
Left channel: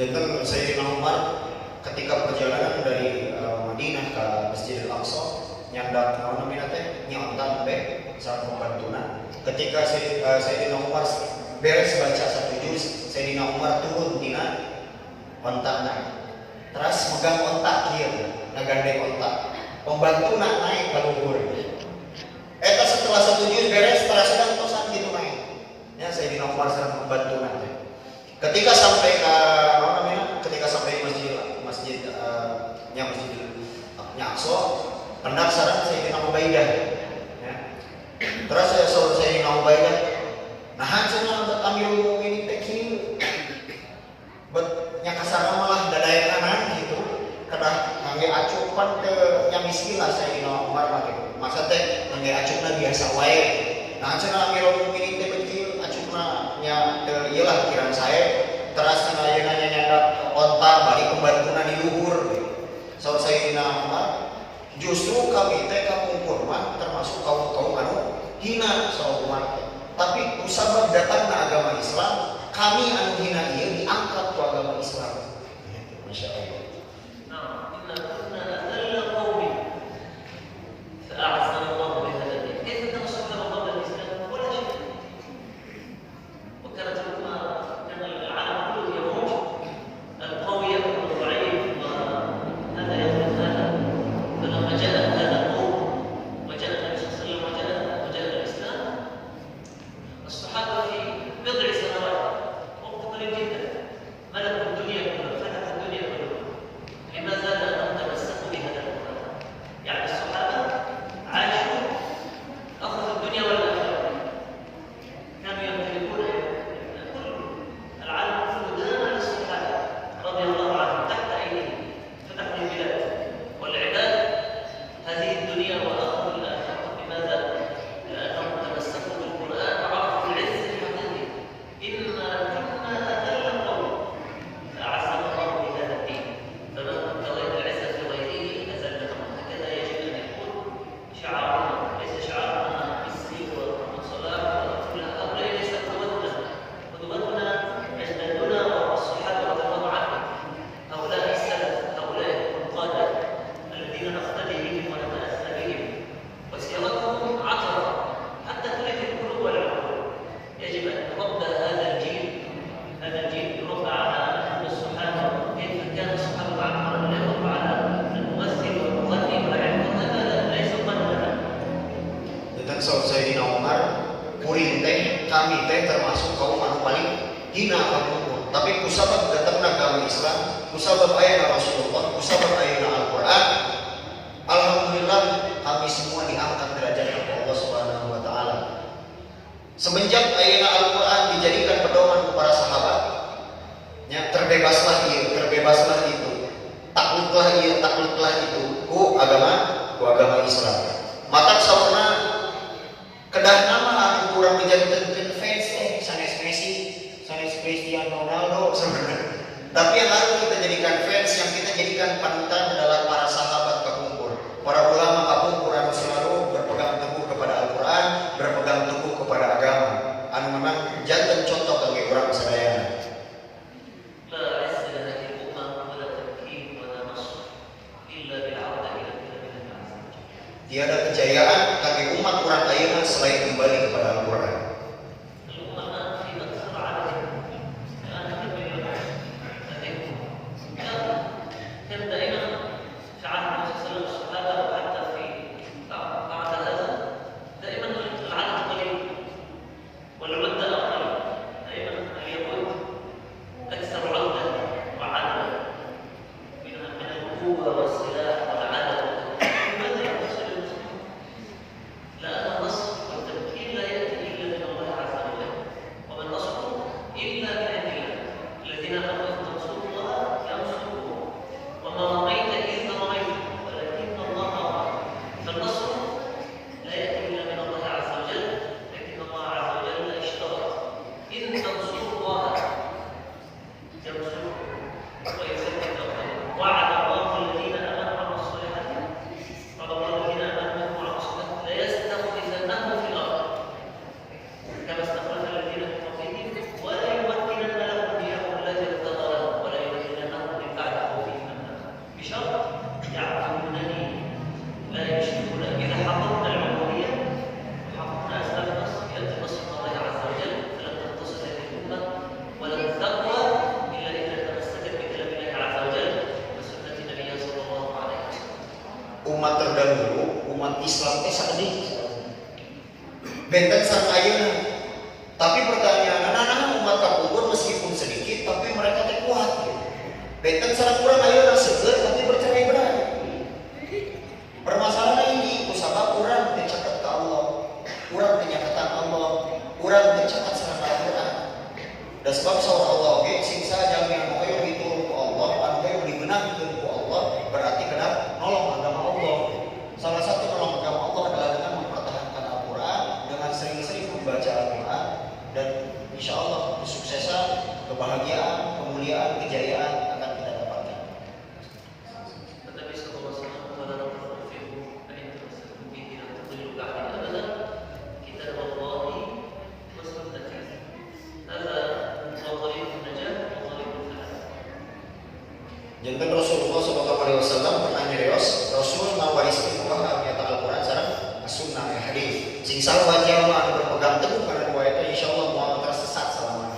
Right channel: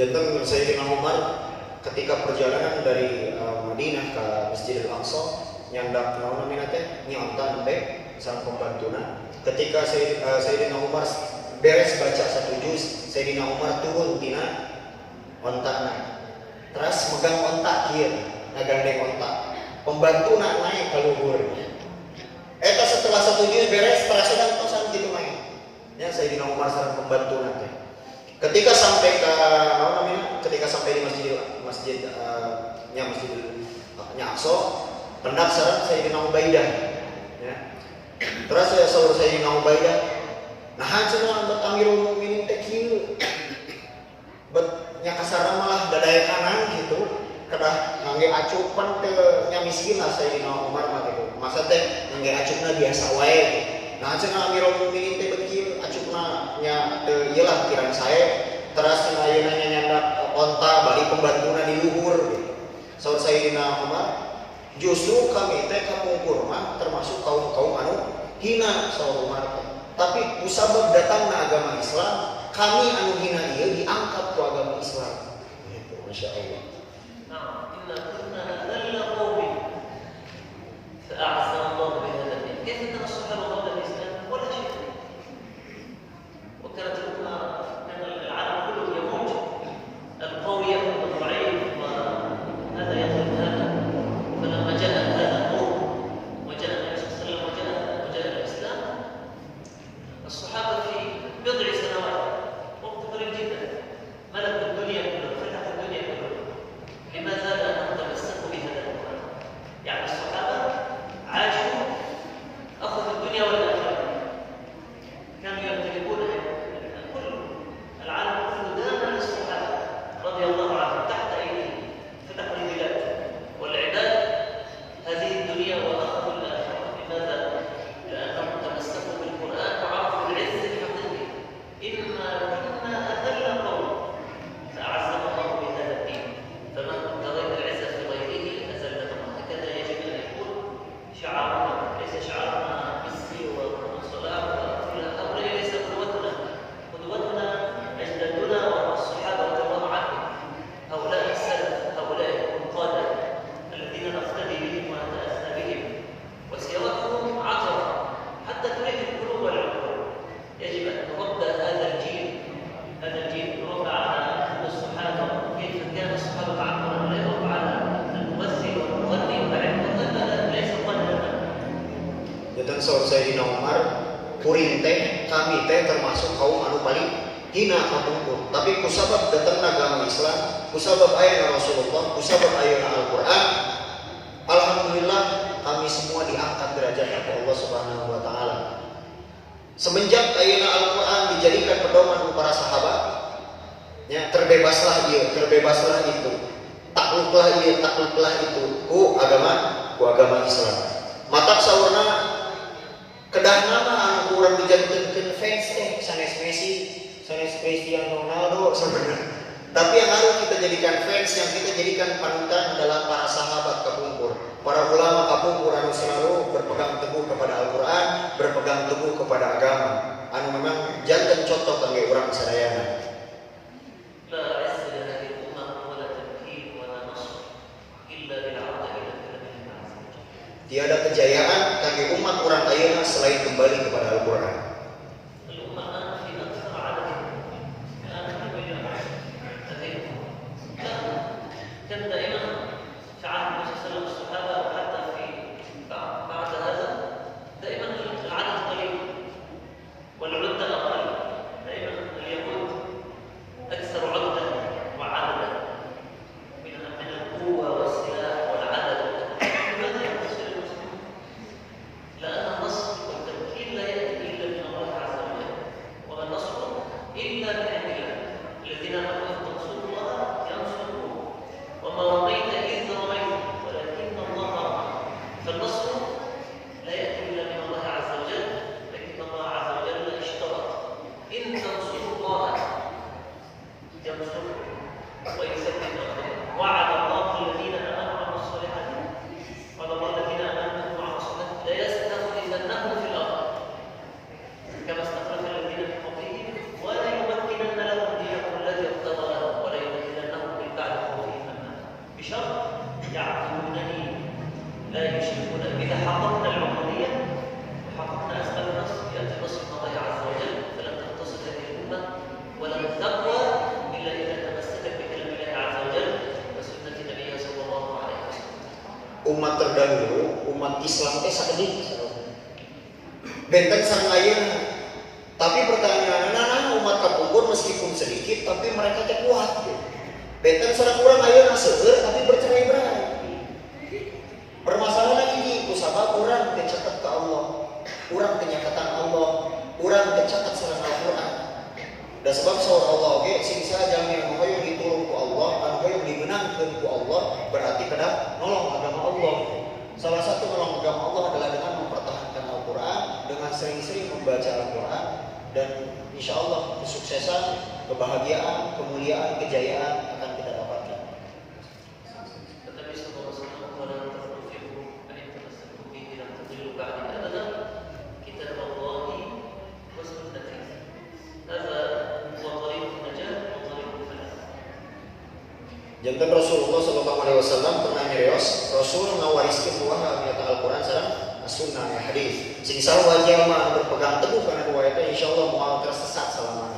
Jantan Sayyidina Umar ketika perjalanan dari Madinah ke Masjidil Aqsa nyandak namanya teh nyontan be sang pembantuna. Ketika Sayyidina Umar beres baca 1 juz, Sayyidina Umar turun tina ontakna. Terus megang ontak kieu, ngagandeng ontak. Pembantuna naik ka luhur. Eta setelah 1 juz beres terasa dan tosan gitu naik. Ya Sayyidina Umar sareng pembantuna teh. Ketika sampai di masjidnya Aqsa, hendak sareng Sayyidina Ubaidah. Ya. Terus ya saudara Sayyidina Ubaidah, nah cenah bet Amirul Mukminin teh kieu. Bet nya kasarna malah dadaya kanan gitu. Kedah ngangge acupan teu nya misilah Sayyidina Umar mah gitu. Maksud teh ngangge acupna biasa wae. Nah cenah Amirul Mukminin teh bet kieu acupna nya teu ieu lah pikiran sae. Terus ayeuna nyandak onta balik pembantuna di luhur gitu. Saud Sayyidina Umar, justru kami teh kaum kurma termasuk kaum anu hina saud Umar. Tapi kusabab datangna agama Islam, kami anu hina ieu diangkat ku agama Islam. Gitu, masyaallah. Nah, inna kunna adalla qaumi fa a'zama Allah bi hadzal din. Kaifa tansuhu qabla al-Islam wala shay. Wa kanat Sayyidina Umar, kuring teh kami teh termasuk kaum anu paling hina anu. Tapi kusabab datang agama Islam, kusabab ayat Rasulullah, kusabab ayat Al-Quran, alhamdulillah kami semua diangkat derajat oleh Allah Subhanahu wa taala. Semenjak ayat Al-Quran dijadikan pedoman para sahabat, ya terbebaslah ieu, terbebaslah itu. Takluklah takutlah itu ku agama Islam. Matak saurna kedah nama anu urang dijadikan fans sanes Messi, sanes Cristiano Ronaldo sebenarnya. Tapi yang harus kita jadikan fans, yang kita jadikan panutan adalah para sahabat kapungkur, para ulama kapungkur anu selalu berpegang teguh kepada Al-Qur'an, berpegang teguh kepada agama. Anu memang jangan contoh kami orang sadayana. Tiada kejayaan bagi umat orang ayeuna selain kembali kepada Al-Qur'an. Umat terdahulu, umat Islam sakit benten sareng ayeuna. Tapi pertanyaan anak umat kapungkur meskipun sedikit tapi mereka teh kuat gitu. Benten sareng urang ayeuna seueur tapi bercerai-berai. Permasalahan ini kusabab urang teh caket ka Allah, urang teh nyakatan Allah, urang teh caket sareng Al-Qur'an. Da sebab saur Allah oge sing sajami anu hoyong ditulung ku Allah, anu hoyong dimenangkeun ku Allah, berarti kena nolong agama Allah. Salah satu nolong agama Allah adalah dengan mempertahankan Al-Qur'an, dengan sering-sering membaca Al-Qur'an, dan insya Allah kesuksesan, kebahagiaan, kemuliaan, kejayaan akan kita dapatkan. Jantan Rasulullah SAW pernah nyerios, Rasul ngawariskeun buah ayat Al-Qur'an sareng sunnah hadis. Sing sareng wajah mah berpegang teguh kana dua eta insyaallah moal tersesat selama